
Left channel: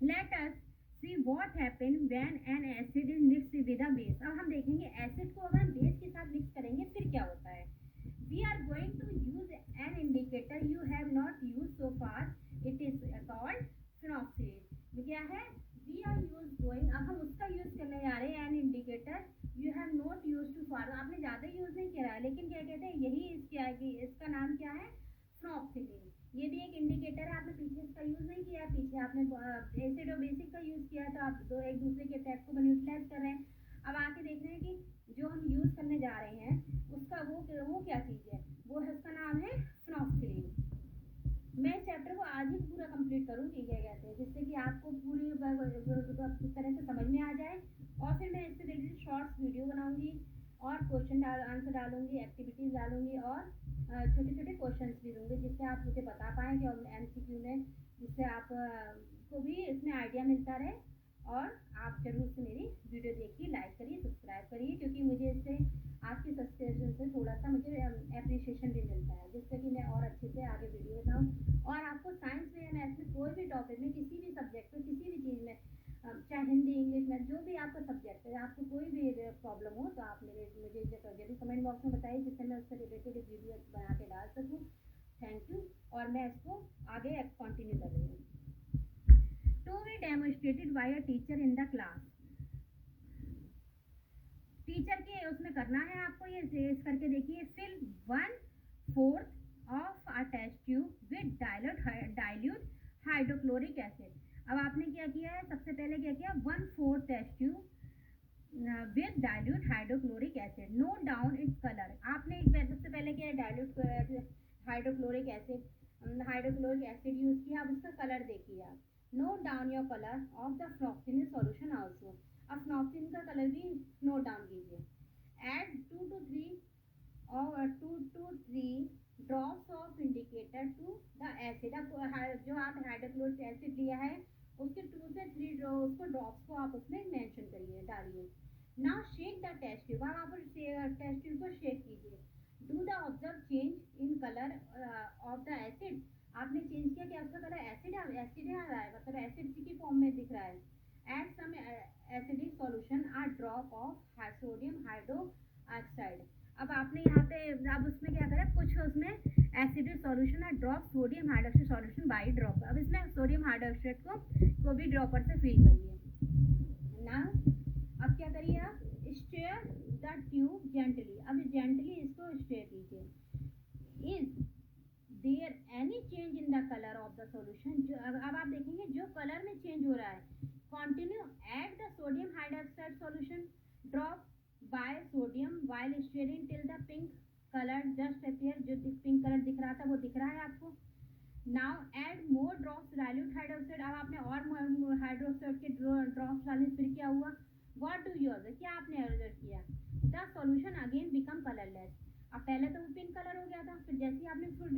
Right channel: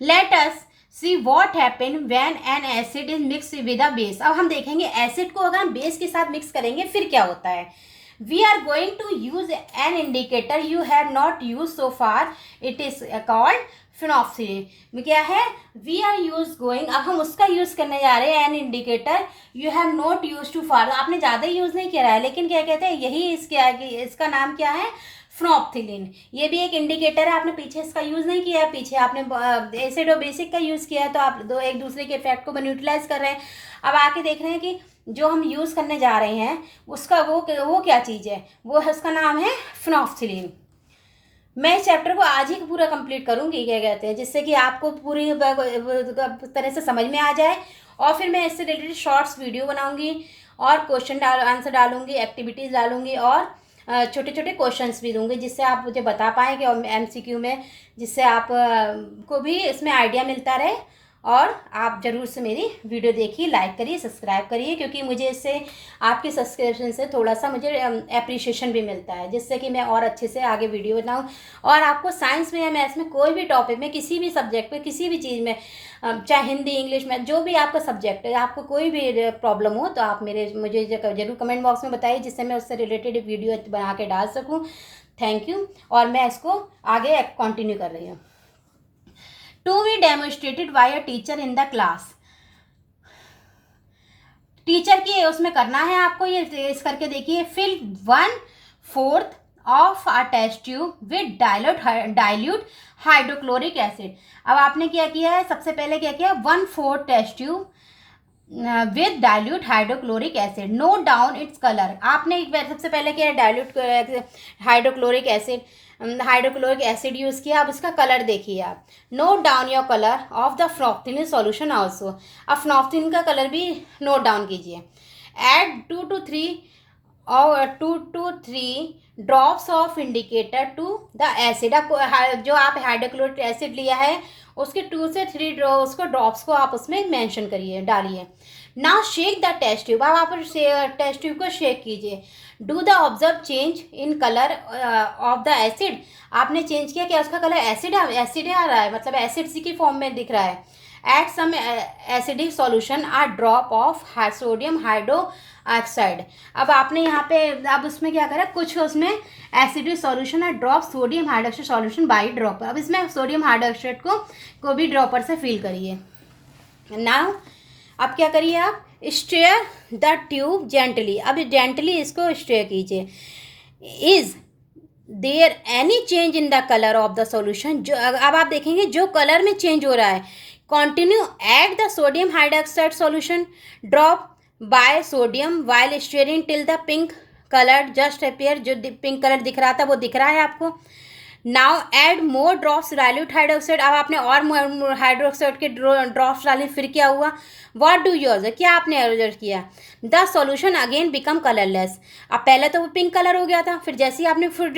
let us see what happen when an acid is mix with a base. अब हम देखेंगे एसिड को अगर हम बेस के साथ मिक्स करेंगे फिर क्या होता है। We are going to use an indicator you have not use so far, it is called phenolphthalein. क्या है? वी आर यूज गोइंग, अब हम उसका यूज करने जा रहे हैं, an indicator you have not use to far, आपने ज़्यादा यूज नहीं किया है, लेकिन क्या कहते हैं यही इसका नाम क्या है? फ्नॉक्सिलिन। ये भी एक इंडिकेटर है, आपने पीछे इसका यूज़ नहीं किया है, पीछे आपने एसिड और बेसिक का यूज़ किया है, तो आप दो एक दूसरे के इफेक्ट को न्यूट्रलाइज कर रहे हैं। अब आके देख रहे हैं कि जो हम यूज़ करने जा रहे हैं उसका वो क्या चीज़ है, वो है उसका नाम है फिनॉक्सिलिन। मैं इस चैप्टर को आज ही पूरा कंप्लीट करूँगी, क्या कहते हैं, जिससे कि आपको पूरी तरह से समझ में आ जाए, और फिर मैं इससे रिलेटेड शॉर्ट्स वीडियो बनाऊँगी और क्वेश्चन आंसर डालूँगी, एक्टिविटीज़ डालूँगी, और छोटे छोटे क्वेश्चंस भी दूंगी, जिससे आप मुझे बता पाएंगे और MCQ में, जिससे आप को भी इसमें आइडिया मिलता रहे। और आप ज़रूर से मेरी वीडियो देखिए, लाइक करिए, सब्सक्राइब करिए, क्योंकि मुझे इससे आपके सब्सक्रिप्शन से थोड़ा सा मुझे एप्रिशिएशन भी मिलता है, जिससे कि मैं और अच्छे से आगे वीडियो बनाऊँ। और आपको साइंस में या मैथ्स में कोई भी टॉपिक में, किसी भी सब्जेक्ट में, किसी भी चीज़ में, चाहे हिंदी इंग्लिश में, जो भी आपका सब्जेक्ट है, आपको कोई भी प्रॉब्लम हो तो आप मुझे ज़रूर कमेंट बॉक्स में बताइए, जिससे मैं उससे रिलेटेड वीडियो बना के डाल सकूँ। Thank you. और मैं इसको आगे कंटिन्यू कर रही हूँ। To be demonstrated by a teacher in the class. Teacher की उसमें करना है आपको, ये इस करके देखिए। Fill 1/4 of a test tube with dilute hydrochloric acid. अब आपने क्या किया है, सबसे पहले क्या किया, 1/4 test tube with dilute hydrochloric acid, note down its colour. आपने सबसे पहले क्या है, डाइल्यूट हाइड्रोक्लोरिक एसिड यूज़ किया। अब उसका कलर देखिए आप, note down your colour of the phenolphthalein solution also. अब फ्नॉक्सिलिन का कलर भी नोट डाउन कीजिए। Add 2 to 3 drops of indicator to the acid. अब जो आप हाइड्रोक्लोरिक एसिड लिया है उसके 2 से 3 उसको ड्रॉप्स को आप उसमें मेंशन करिए, डालिए। Now shake the test tube. अब आप टेस्ट ट्यूब को शेक कीजिए। Do the observe change in colour of the acid. आपने चेंज किया, क्या उसका कलर एसिड आ रहा है, मतलब एसिड सी की फॉर्म में दिख रहा है। Add some acidic solution a drop of sodium hydroxide. अब आपने यहाँ पे अब उसमें क्या करा, कुछ उसमें एसिडिक सॉल्यूशन है, drop sodium hydroxide solution by dropper. अब इसमें सोडियम हाइड्रोक्साइड को भी ड्रॉपर से फिल करिए। नाउ अब क्या करिए आप, स्टेयर द ट्यूब जेंटली। अब जेंटली इसको स्टेयर कीजिए। Is there any change in the colour of the solution. जो अब आप देखेंगे जो कलर में चेंज हो रहा है, continue add the sodium hydroxide solution drop by sodium while steering till the pink colour just appear. जो पिंक कलर दिख रहा था वो दिख रहा है आपको। Now add more drops dilute hydroxide. अब आपने और हाइड्रोक्साइड के ड्रॉप्स डाले, फिर क्या हुआ, व्हाट डू यू ऑब्जर्व, क्या आपने ऑब्जर्व किया, the solution again become colourless. अब पहले तो वो पिंक कलर हो गया था, फिर जैसे ही आपने फिर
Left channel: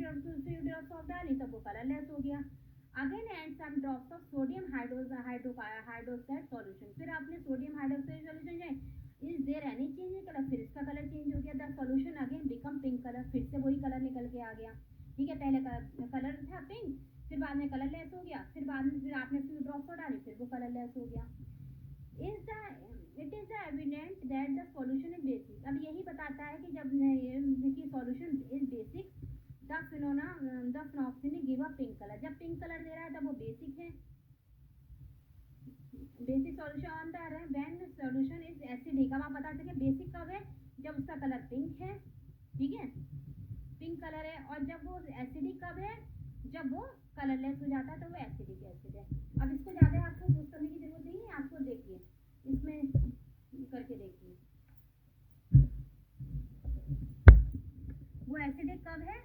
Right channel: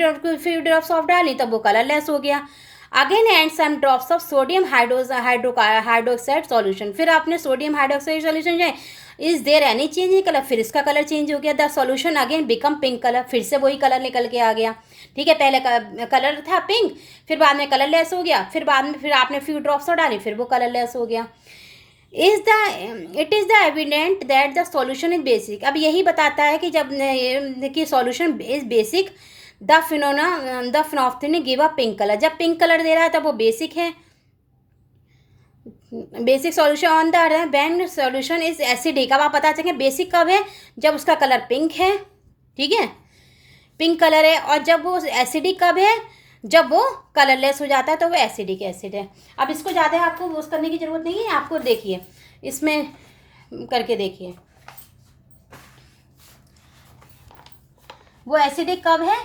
ड्रॉप्स ऑफ डाली तब वो कलरलेस हो गया। Again and some drops of sodium hydroxide solution. फिर आपने सोडियम हाइड्रोक्साइड सॉल्यूशन जाए, is there any change in colour, फिर इसका कलर चेंज हो गया। The solution again become pink colour, फिर से वही कलर निकल के आ गया। ठीक है, पहले कलर था पिंक, फिर बाद में कलरलेस हो गया, फिर बाद में फिर आपने फ्यू ड्रॉप्स और डाली, फिर वो कलरलेस हो गया। It is the evident that the solution is basic. अब यही बताता है कि जब कि solution is basic, the phenolphthalein give a pink colour. जब पिंक कलर दे रहा है तब वो बेसिक है। Basic solution on the when solution is acidic. अब आप पता चले बेसिक कब है, जब उसका कलर पिंक है। ठीक है, पिंक कलर है, और जब वो एसिडिक कब है, जब वो कलरलेस हो जाता है तो वो एसिडिक एसिड है। अब इसको ज़्यादा आपको यूज़ करने की ज़रूरत नहीं है, आपको देखिए इसमें करके देखिए वो एसिडिक कब है,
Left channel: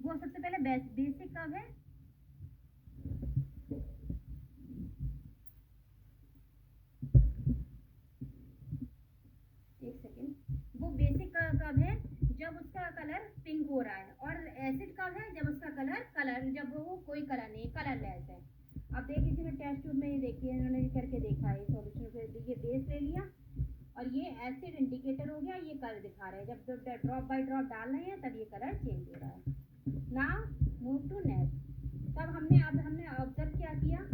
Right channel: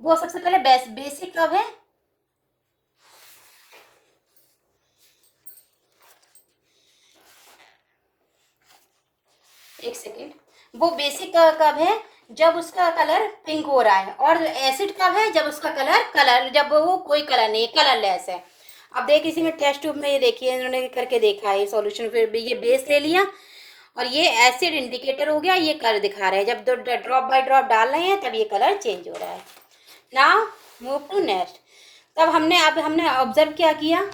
वो सबसे पहले बेसिक कब है, एक सेकेंड, वो बेसिक कब है, जब उसका कलर पिंक हो रहा है, और एसिड कब है, जब उसका कलर जब वो कोई कलर नहीं, कलरलेस है। अब देखिए इसी में टेस्ट ट्यूब में ये देखिए इन्होंने करके देखा है सॉल्यूशन, फिर भी ये बेस ले लिया और ये एसिड इंडिकेटर हो गया, ये कलर दिखा रहे हैं, जब दो ड्रॉप बाय ड्रॉप डाल रहे हैं तब ये कलर चेंज हो रहा है। Now move to next. तब हमने ऑब्जर्व क्या किया,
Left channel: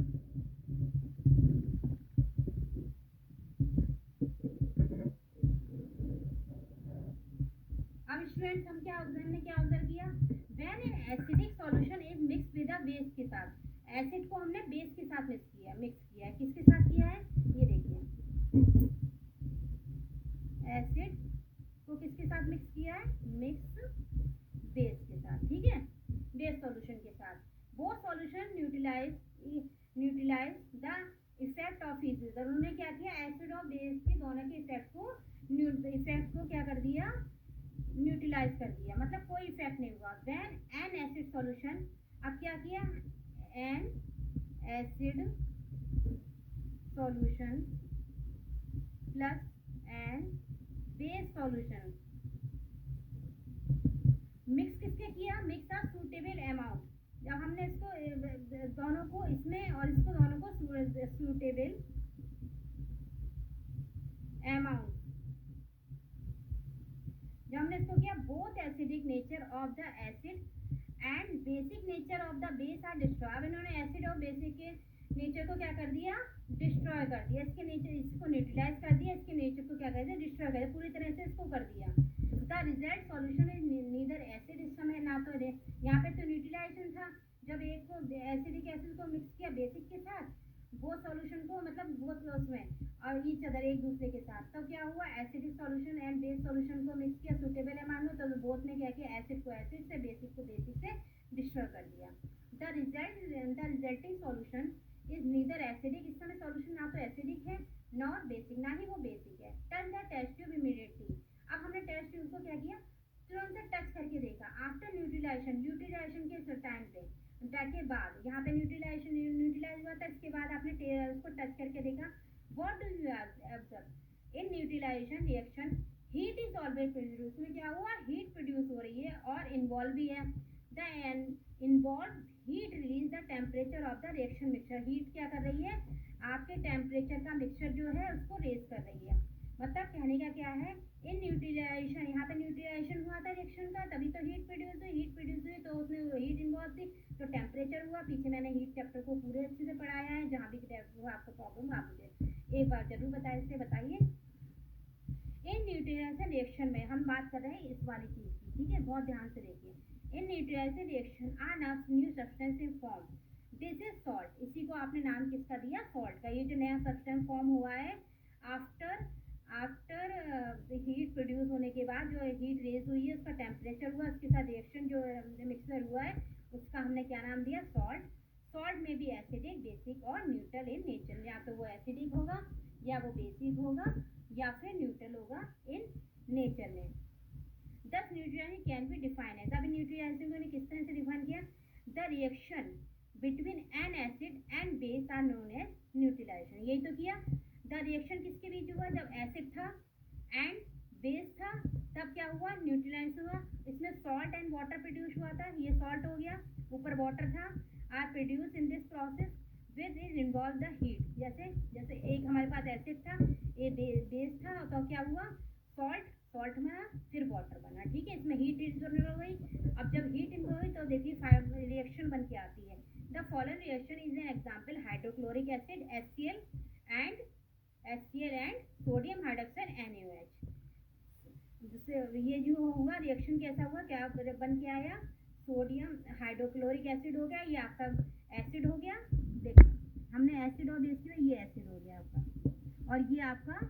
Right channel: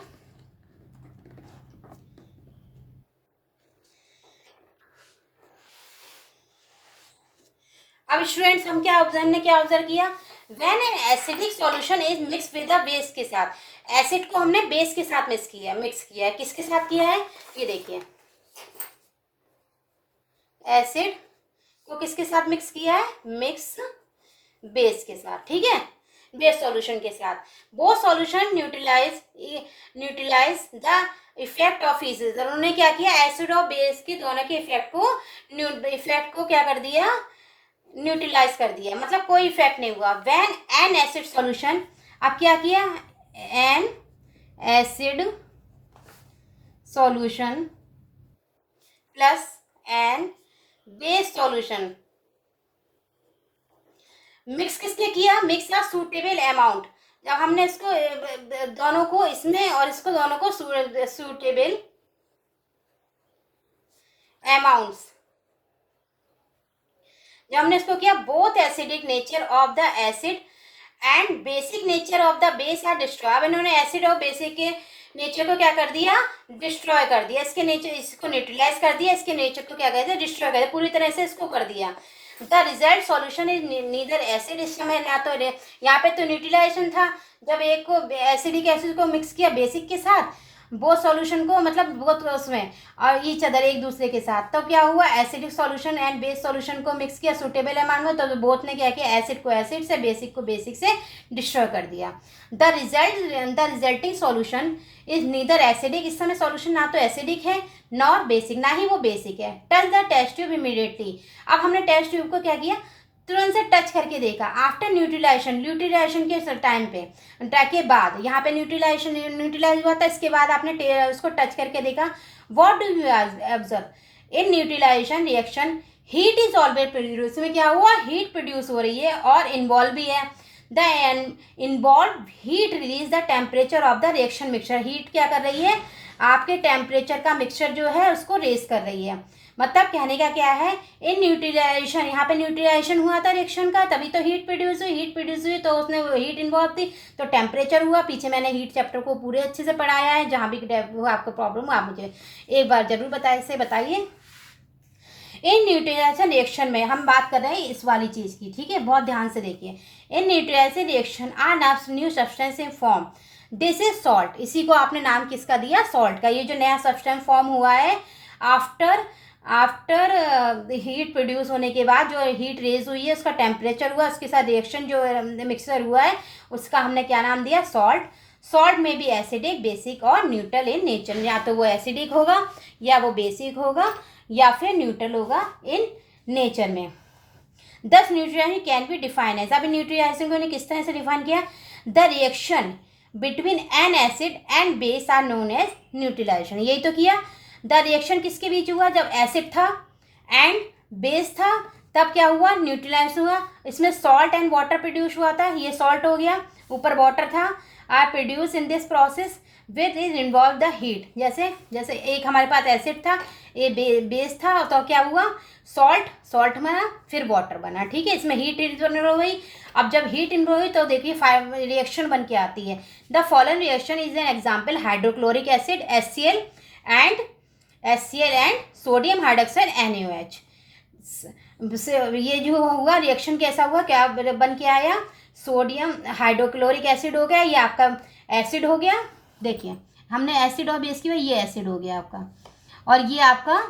अब स्टूडेंट्स हम क्या ऑब्जर्व किया, when an acidic solution is mix with the base के साथ, एसिड को हमने बेस के साथ मिक्स किया है, किसके साथ किया है, ये देखिए एसिड को किसके साथ मिक्स किया है, मिक्स बेस के साथ, ठीक है, बेस सॉल्यूशन के साथ। वो solution neutralise the effect of इसेस, उन्होंने क्या किया, एसिड और बेस के दोनों के इफेक्ट को क्या कर दिया, न्यूट्रलाइज कर दिया, मतलब कोई इफेक्ट नहीं हुआ। व्हेन एन एसिड सॉल्यूशन, अब क्या किया, an acid solution plus an base solution, mix किसके किया, मिक्स या सूटेबल अमाउंट, जब हमने इसको दोनों को इसमें और इसको दोनों को सूटेबल अमाउंट्स, जब हमने इसको किया, both acidic nature of the acid and basic nature of the base are destroy. अब इन्होंने एसिड और बेसिक के नेचर को क्या कर दिया, डिस्ट्रॉय कर दिया, इसके नेचर इसको न्यूट्रलाइज कर दिया, इसके नेचर को क्या कर दिया, डिस्ट्रॉय कर दिया, पूरी तरह से इसको कर दिया। The result solution is neither acid, इस समय ना तो यहाँ पे तो न्यूट्रलाइजेशन था, जब एक को एसिडिक एसिड को मिक्स किया बेसिक के साथ, वो सॉल्यूशन को मतलब बहुत उसमें और ईच अदर एक दूसरे के साथ, तो क्या हुआ, acidic solution and base solution को मिक्स किया सूटेबल अमाउंट में, तो बोथ ने क्या किया, एसिड को एसिड से, बेसिक को बेसिक से डिस्ट्रॉय कर दिया। The resulting solution is neither acidic, इस समय सॉल्यूशन ना तो एसिडिक है नॉर बेसिक, ना ही वो बेसिक है। Touch the test tube immediately, अब हमने टेस्ट ट्यूब को क्या किया, तुरंत से टच करके देखा। आफ्टर न्यूट्रलाइजेशन के टाइम पे के बाद, यहाँ पे न्यूट्रलाइज हुआ था, इसके बाद आपने उसको टच करके देखा। What do you observe in neutralisation reaction, heat is always produce, इसमें क्या हुआ, हीट प्रोड्यूस हो रही है और इन्वॉल्व भी है। The involve heat release the temperature of the reaction mixture, heat क्या कर रही है, आपके टेम्परेचर का मिक्सचर जो है उसको रेज कर रही है। मतलब कहने का क्या है, इन न्यूट्रलाइजेशन, यहाँ पे न्यूट्रलाइजेशन हुआ था रिएक्शन का, तभी तो हीट प्रोड्यूस हुई तो उसमें हीट इन्वॉल्व थी, तो टेम्परेचर हुआ। पीछे मैंने हीट चैप्टर को पूरे अच्छे से पढ़ाया है, जहाँ भी आपको प्रॉब्लम हो आप मुझे एक बार जरूर बताइए। इन न्यूट्रलाइजेशन रिएक्शन में हम बात कर रहे हैं इस वाली चीज़ की, ठीक है, बहुत ध्यान से देखिए। In neutralisation reaction are new substance in form, this is salt, इसी को आपने नाम किसका दिया, सॉल्ट का। ये जो नया सब्सटेंस फॉर्म हुआ है आफ्टर हीट प्रोड्यूस होने के बाद, जो हीट रेज हुई है, उसका टेम्परेचर हुआ, उसके साथ रिएक्शन जो मिक्सचर हुआ है, उसका हमने क्या नाम दिया, सॉल्ट। सॉल्ट में भी एसिडिक, बेसिक और न्यूट्रल इन नेचर, या तो वो एसिडिक होगा या वो बेसिक होगा या फिर न्यूट्रल होगा इन नेचर में। 10 neutralization can be define as, अब न्यूट्रलाइजेशन को किस तरह से डिफाइन किया, the reaction between an acid and base are known as neutralization, यही तो किया। द रिएक्शन किसके बीच हुआ, जब एसिड था एंड बेस था, तब क्या हुआ, न्यूट्रलाइज हुआ, इसमें सॉल्ट एंड वाटर प्रोड्यूस हुआ था, ये सॉल्ट हो गया, ऊपर वाटर था, are produce in this process with is involve the heat, जैसे एक हमारे पास एसिड था, ये बेस था, तो क्या हुआ, सॉल्ट बना, फिर वाटर बना, ठीक है, इसमें हीट इन्वॉल्व हुई। अब जब हीट इन्वॉल्व हुई तो देखिए रिएक्शन बन के आती है। The following reaction is an example, hydrochloric acid HCl and sodium hydroxide NaOH, ये जो हुआ रिएक्शन कैसा हुआ, क्या बन के आया, सोडियम हाइड्रोक्लोरिक एसिड हो गया, ये आपका एसिड हो गया, देखिए हमने एसिड और बेस किया, ये एसिड हो गया आपका, और ये आपका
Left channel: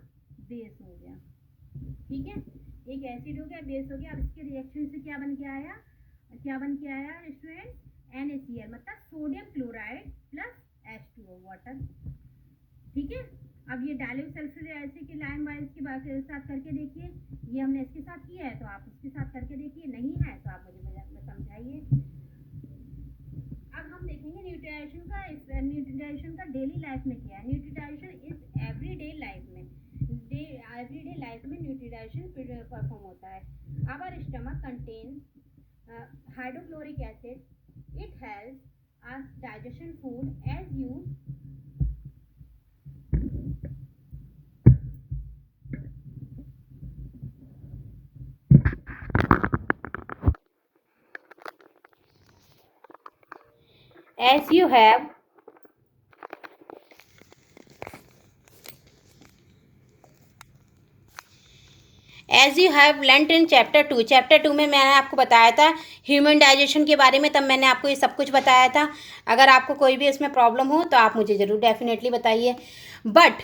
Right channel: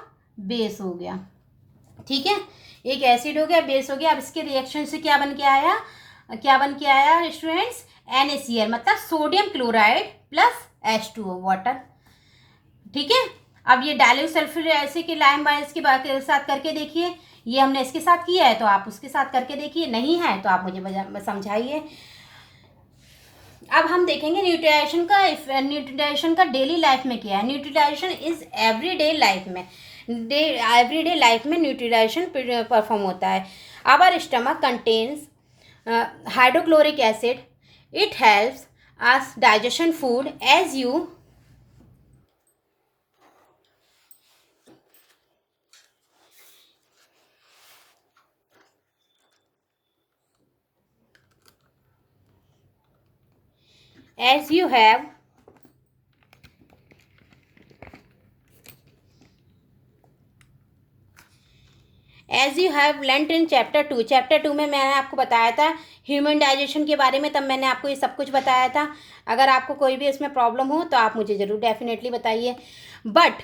बेस हो गया, ठीक है, एक एसिड हो गया, बेस हो गया। अब इसके रिएक्शन से क्या बन के आया स्टूडेंट्स, NaCl, मतलब sodium chloride plus H2O water. ठीक है, अब ये डाइल्यूट सल्फ्यूरिक एसिड के लाइम बाइस के साथ करके देखिए। ये हमने इसके साथ किया है तो आप उसके साथ करके देखिए, नहीं है तो आप मुझे समझाइए। अब हम देखेंगे न्यूट्रलाइजेशन का डेली लाइफ में क्या है। न्यूट्रलाइजेशन इज एवरीडे लाइफ में न्यूट्रलाइजेशन परफॉर्म होता है। Our stomach contains hydrochloric acid, it helps us digestion food as you have learnt in chapter 2 में मैंने आपको बताया था ह्यूमन डाइजेशन के बारे में, तब मैंने आपको ये सब कुछ बताया था। अगर आपको कोई भी इसमें प्रॉब्लम हो तो आप मुझे ज़रूर डेफिनेटली बताइए। But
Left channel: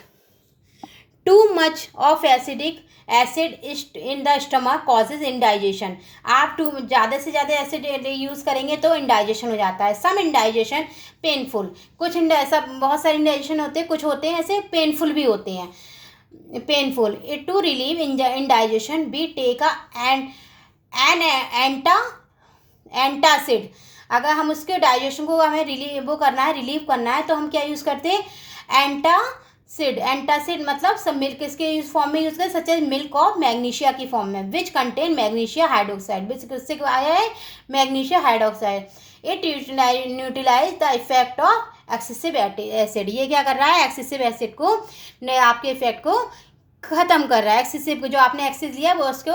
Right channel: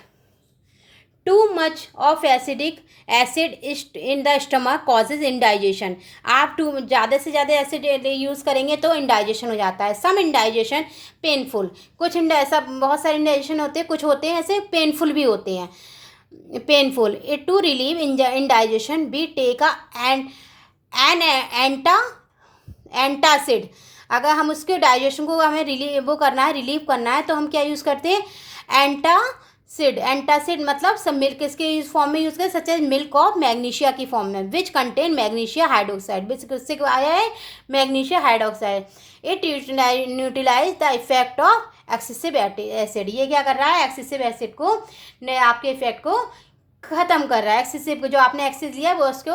too much of acidic acid in the stomach causes indigestion. आप ज़्यादा से ज़्यादा एसिड यूज़ करेंगे तो इंडाइजेशन हो जाता है। सम इंडाइजेशन पेनफुल, कुछ ऐसा बहुत सारे इंडाइजेशन होते हैं, कुछ होते हैं ऐसे पेनफुल भी होते हैं। Painful it to relieve indigestion be take an antacid. अगर हम उसके डाइजेशन को हमें रिलीव करना है तो हम क्या यूज़ करते हैं, एंटासिड मतलब सब मिल्क इसके फॉर्म में यूज करें, such as milk of magnesia की फॉर्म में, विच कंटेन मैग्नीशिया हाइड्रोक्साइड, इससे आया है magnesia hydroxide. It neutralize the effect of excessive acid. ये क्या कर रहा है, एक्सेसिव एसिड को आपके इफेक्ट को ख़त्म कर रहा है। एक्सेसिव जो आपने एक्सेस लिया वो उसको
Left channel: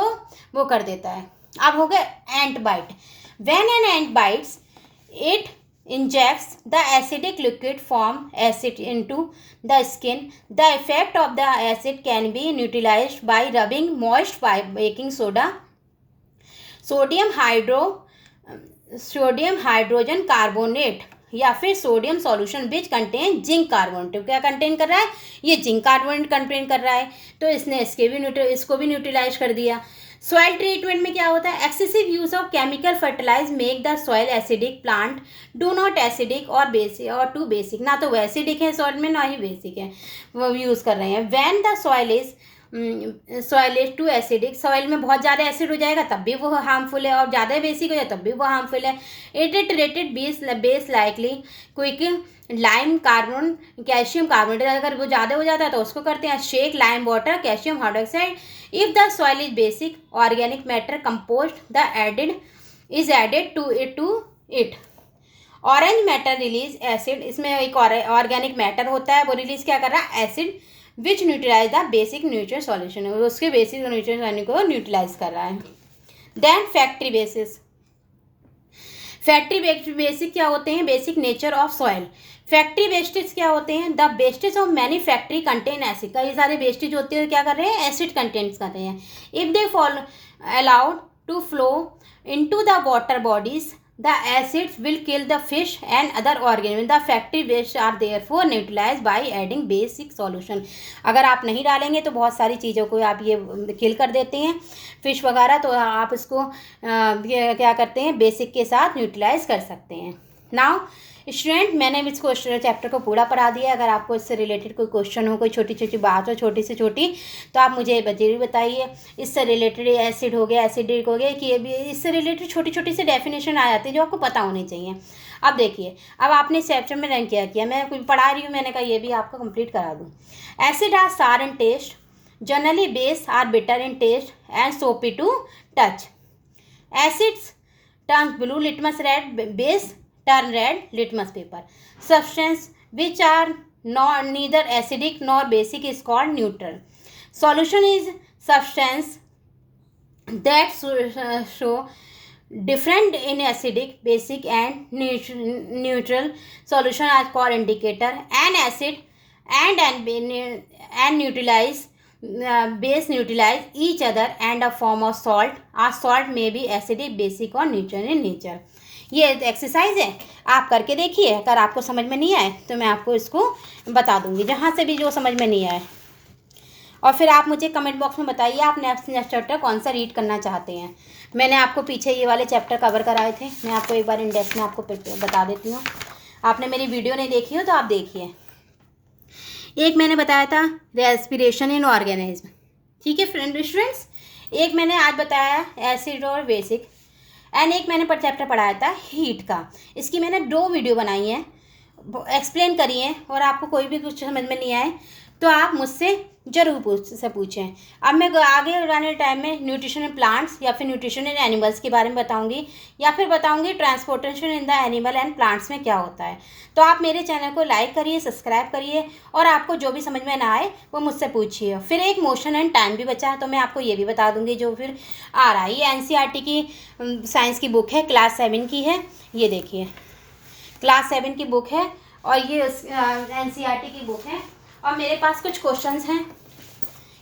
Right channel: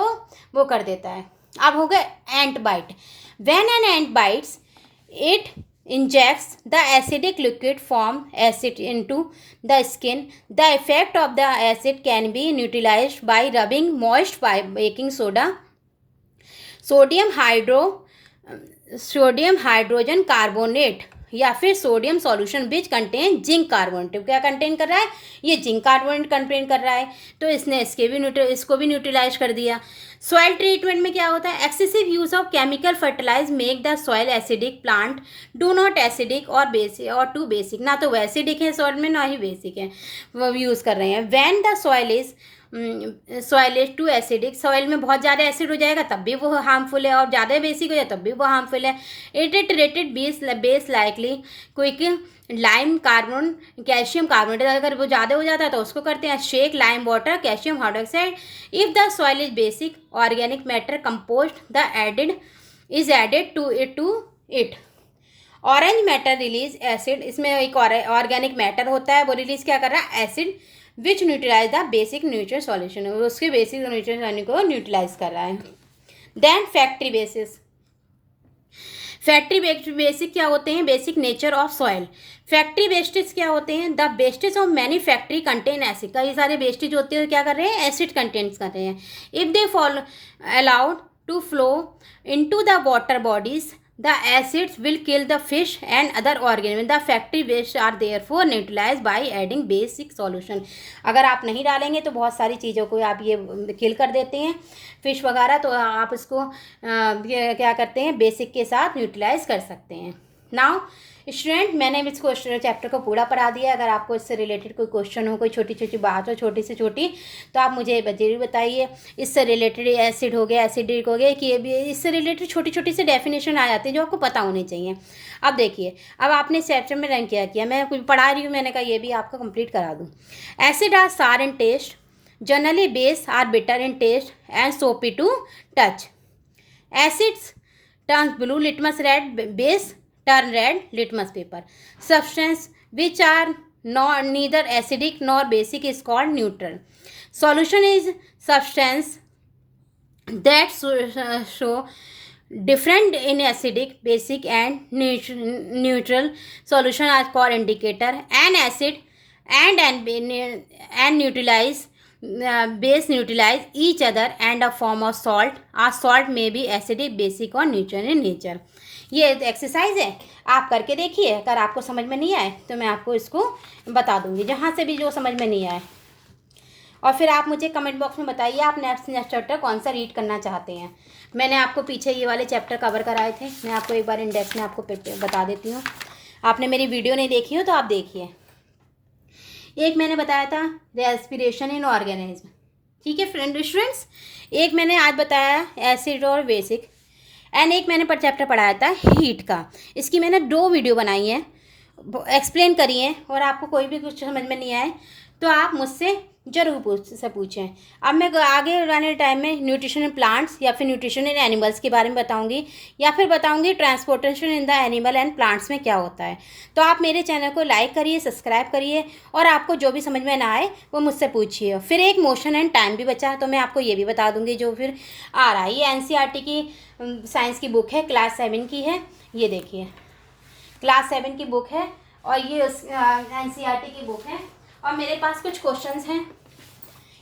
वो कर देता है। अब हो गया ant bite. When an ant bites it injects the acidic liquid form acid into the skin. The effect of the acid can be neutralized by rubbing moist by baking soda, sodium hydrogen carbonate या फिर sodium solution which contain zinc carbonate. क्या contain कर रहा है, ये zinc carbonate contain कर रहा है, तो इसने इसको भी न्यूट्रलाइज कर दिया। सॉइल ट्रीटमेंट में क्या होता है, excessive use of chemical fertilize make the soil acidic, plant do not acidic और बेसिक और टू बेसिक। ना तो वो एसिडिक है सॉइल में, ना ही बेसिक है, वो यूज़ कर रहे हैं। When the soil is too acidic, soil में बहुत ज़्यादा एसिड हो जाएगा तब भी वो हार्मफुल है, और ज़्यादा बेसिक हो जाए तब भी वो हार्मफुल है। Irritated base likely quick lime carbon calcium carbonate. अगर वो ज़्यादा हो जाता है तो उसको करते हैं shake lime water calcium hydroxide. If the soil is basic organic matter compost the added to it. Orange matter release acid, इसमें एक ऑर्गेनिक मैटर होता है, वो रिलीज क्या कर रहा है, acid which neutralize the basic nutrient solution, उसके बेसिक न्यूट्रिएंट को न्यूट्रलाइज कर रहा है। देन फैक्ट्री बेसिक क्या होते हैं, basic nature of soil. Factory wastage क्या होते हैं, the wastage of many factory contain acid. कई सारे वेस्टेज होते हैं क्या कर रहे हैं, एसिड कंटेंट्स कर रहे हैं। If they follow allowed to flow into the water bodies the acids will kill the fish and other organisms. The factory waste are therefore neutralized by adding basic solution. अगर आप नहीं डालेंगे तो बहुत सारी चीज़ों को आप ये किल कर देते हैं, फिश वगैरह, तो आप इसको क्या करते हैं, बेसिक के साथ न्यूट्रलाइज कर सकते हैं। नाउ स्टूडेंट, मैंने इस क्वेश्चन चैप्टर को पूरा पढ़ा दिया। अगर आपको इससे रिलेटेड कोई क्वेश्चन हो, कोई छोटी छोटी बात हो, छोटी से छोटी, तो आप मुझे जरूर बताइए। इससे रिलेटेड एसिड हो गया, एसिडिक हो गया, कि इससे रिलेटेड छोटी छोटी सी डेफिनेशन आ जाती है जो आपको पता होनी चाहिए। अब देखिए, अब आपने इस चैप्टर में रैंक क्या किया, मैं कुछ पढ़ा रही हूँ, मैंने कहा ये भी आपको कंप्लीट करा दूँ। Acid are sour in taste, generally base are bitter in taste and soapy to touch. Acids turns blue litmus red, base turn red litmus paper. Substance which are neither acidic nor basic is called neutral. Solution is substance that show different in acidic, basic and neutral solution as for indicator. An acid and neutralize base neutralize each other and a form of salt. A salt may be acidic, basic or neutral in nature. ये exercise है, आप करके देखिए। अगर आपको समझ में नहीं आए तो मैं आपको इसको बता दूंगी, जहाँ से भी जो समझ में नहीं आए। और फिर आप मुझे कमेंट बॉक्स में बताइए आप नेक्स्ट चैप्टर कौन सा रीड करना चाहते हैं। मैंने आपको पीछे ये वाले चैप्टर कवर कराए थे, मैं आपको एक बार इंडेक्स में आपको बता देती हूँ। आपने मेरी वीडियो नहीं देखी हो तो आप देखिए। एक मैंने बताया था रेस्पिरेशन इन ऑर्गेनिज्म, ठीक है स्टूडेंट्स। एक मैंने आज बताया एसिड और बेसिक, एंड एक मैंने चैप्टर पढ़ाया था हीट का। इसकी मैंने 2 वीडियो बनाई हैं, एक्सप्लेन करी हैं, और आपको कोई भी कुछ समझ में नहीं आए तो आप मुझसे ज़रूर पूछें। अब मैं आगे आने टाइम में न्यूट्रिशन इन प्लांट्स या फिर न्यूट्रिशन इन एनिमल्स के बारे में बताऊंगी, या फिर बताऊंगी transportation in the animal and plants में क्या होता है। तो आप मेरे चैनल को लाइक करिए, सब्सक्राइब करिए, और आपको जो भी समझ में ना आए वो मुझसे पूछिए। फिर एक मोशन एंड टाइम भी बचा तो मैं आपको ये भी बता दूँगी जो फिर आ रहा है। ये NCERT की साइंस की बुक है, क्लास 7 की है। ये देखिए क्लास 7 की बुक है, और ये NCERT की बुक है। और मेरे पास कुछ क्वेश्चंस हैं,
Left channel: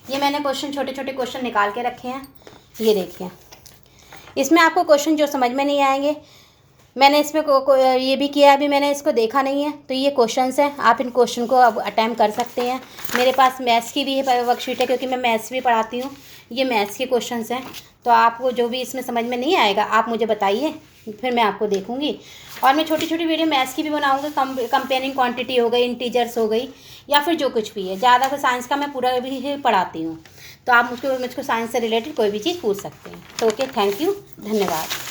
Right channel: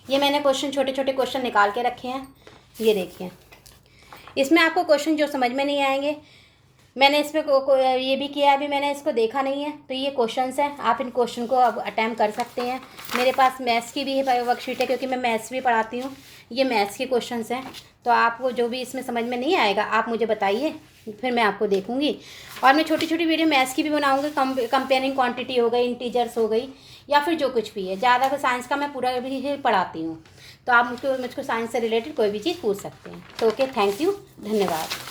ये मैंने छोटे छोटे क्वेश्चन निकाल के रखे हैं। ये देखिए, इसमें आपको क्वेश्चन जो समझ में नहीं आएंगे, मैंने इसमें ये भी किया, अभी मैंने इसको देखा नहीं है, तो ये क्वेश्चंस हैं, आप इन क्वेश्चन को अब अटैम्प्ट कर सकते हैं। मेरे पास मैथ्स की भी है वर्कशीट है, क्योंकि मैं मैथ्स भी पढ़ाती हूँ। ये मैथ्स के क्वेश्चंस हैं, तो आपको जो भी इसमें समझ में नहीं आएगा आप मुझे बताइए, फिर मैं आपको देखूँगी। और मैं छोटी छोटी वीडियो मैथ्स की भी बनाऊँगी, कंपेयरिंग क्वांटिटी हो गई, इंटीजर्स हो गई, या फिर जो कुछ भी है। ज़्यादा फिर साइंस का मैं पूरा भी पढ़ाती हूँ, तो आप मुझको साइंस से रिलेटेड कोई भी चीज़ पूछ सकते हैं। तो ओके, थैंक यू, धन्यवाद।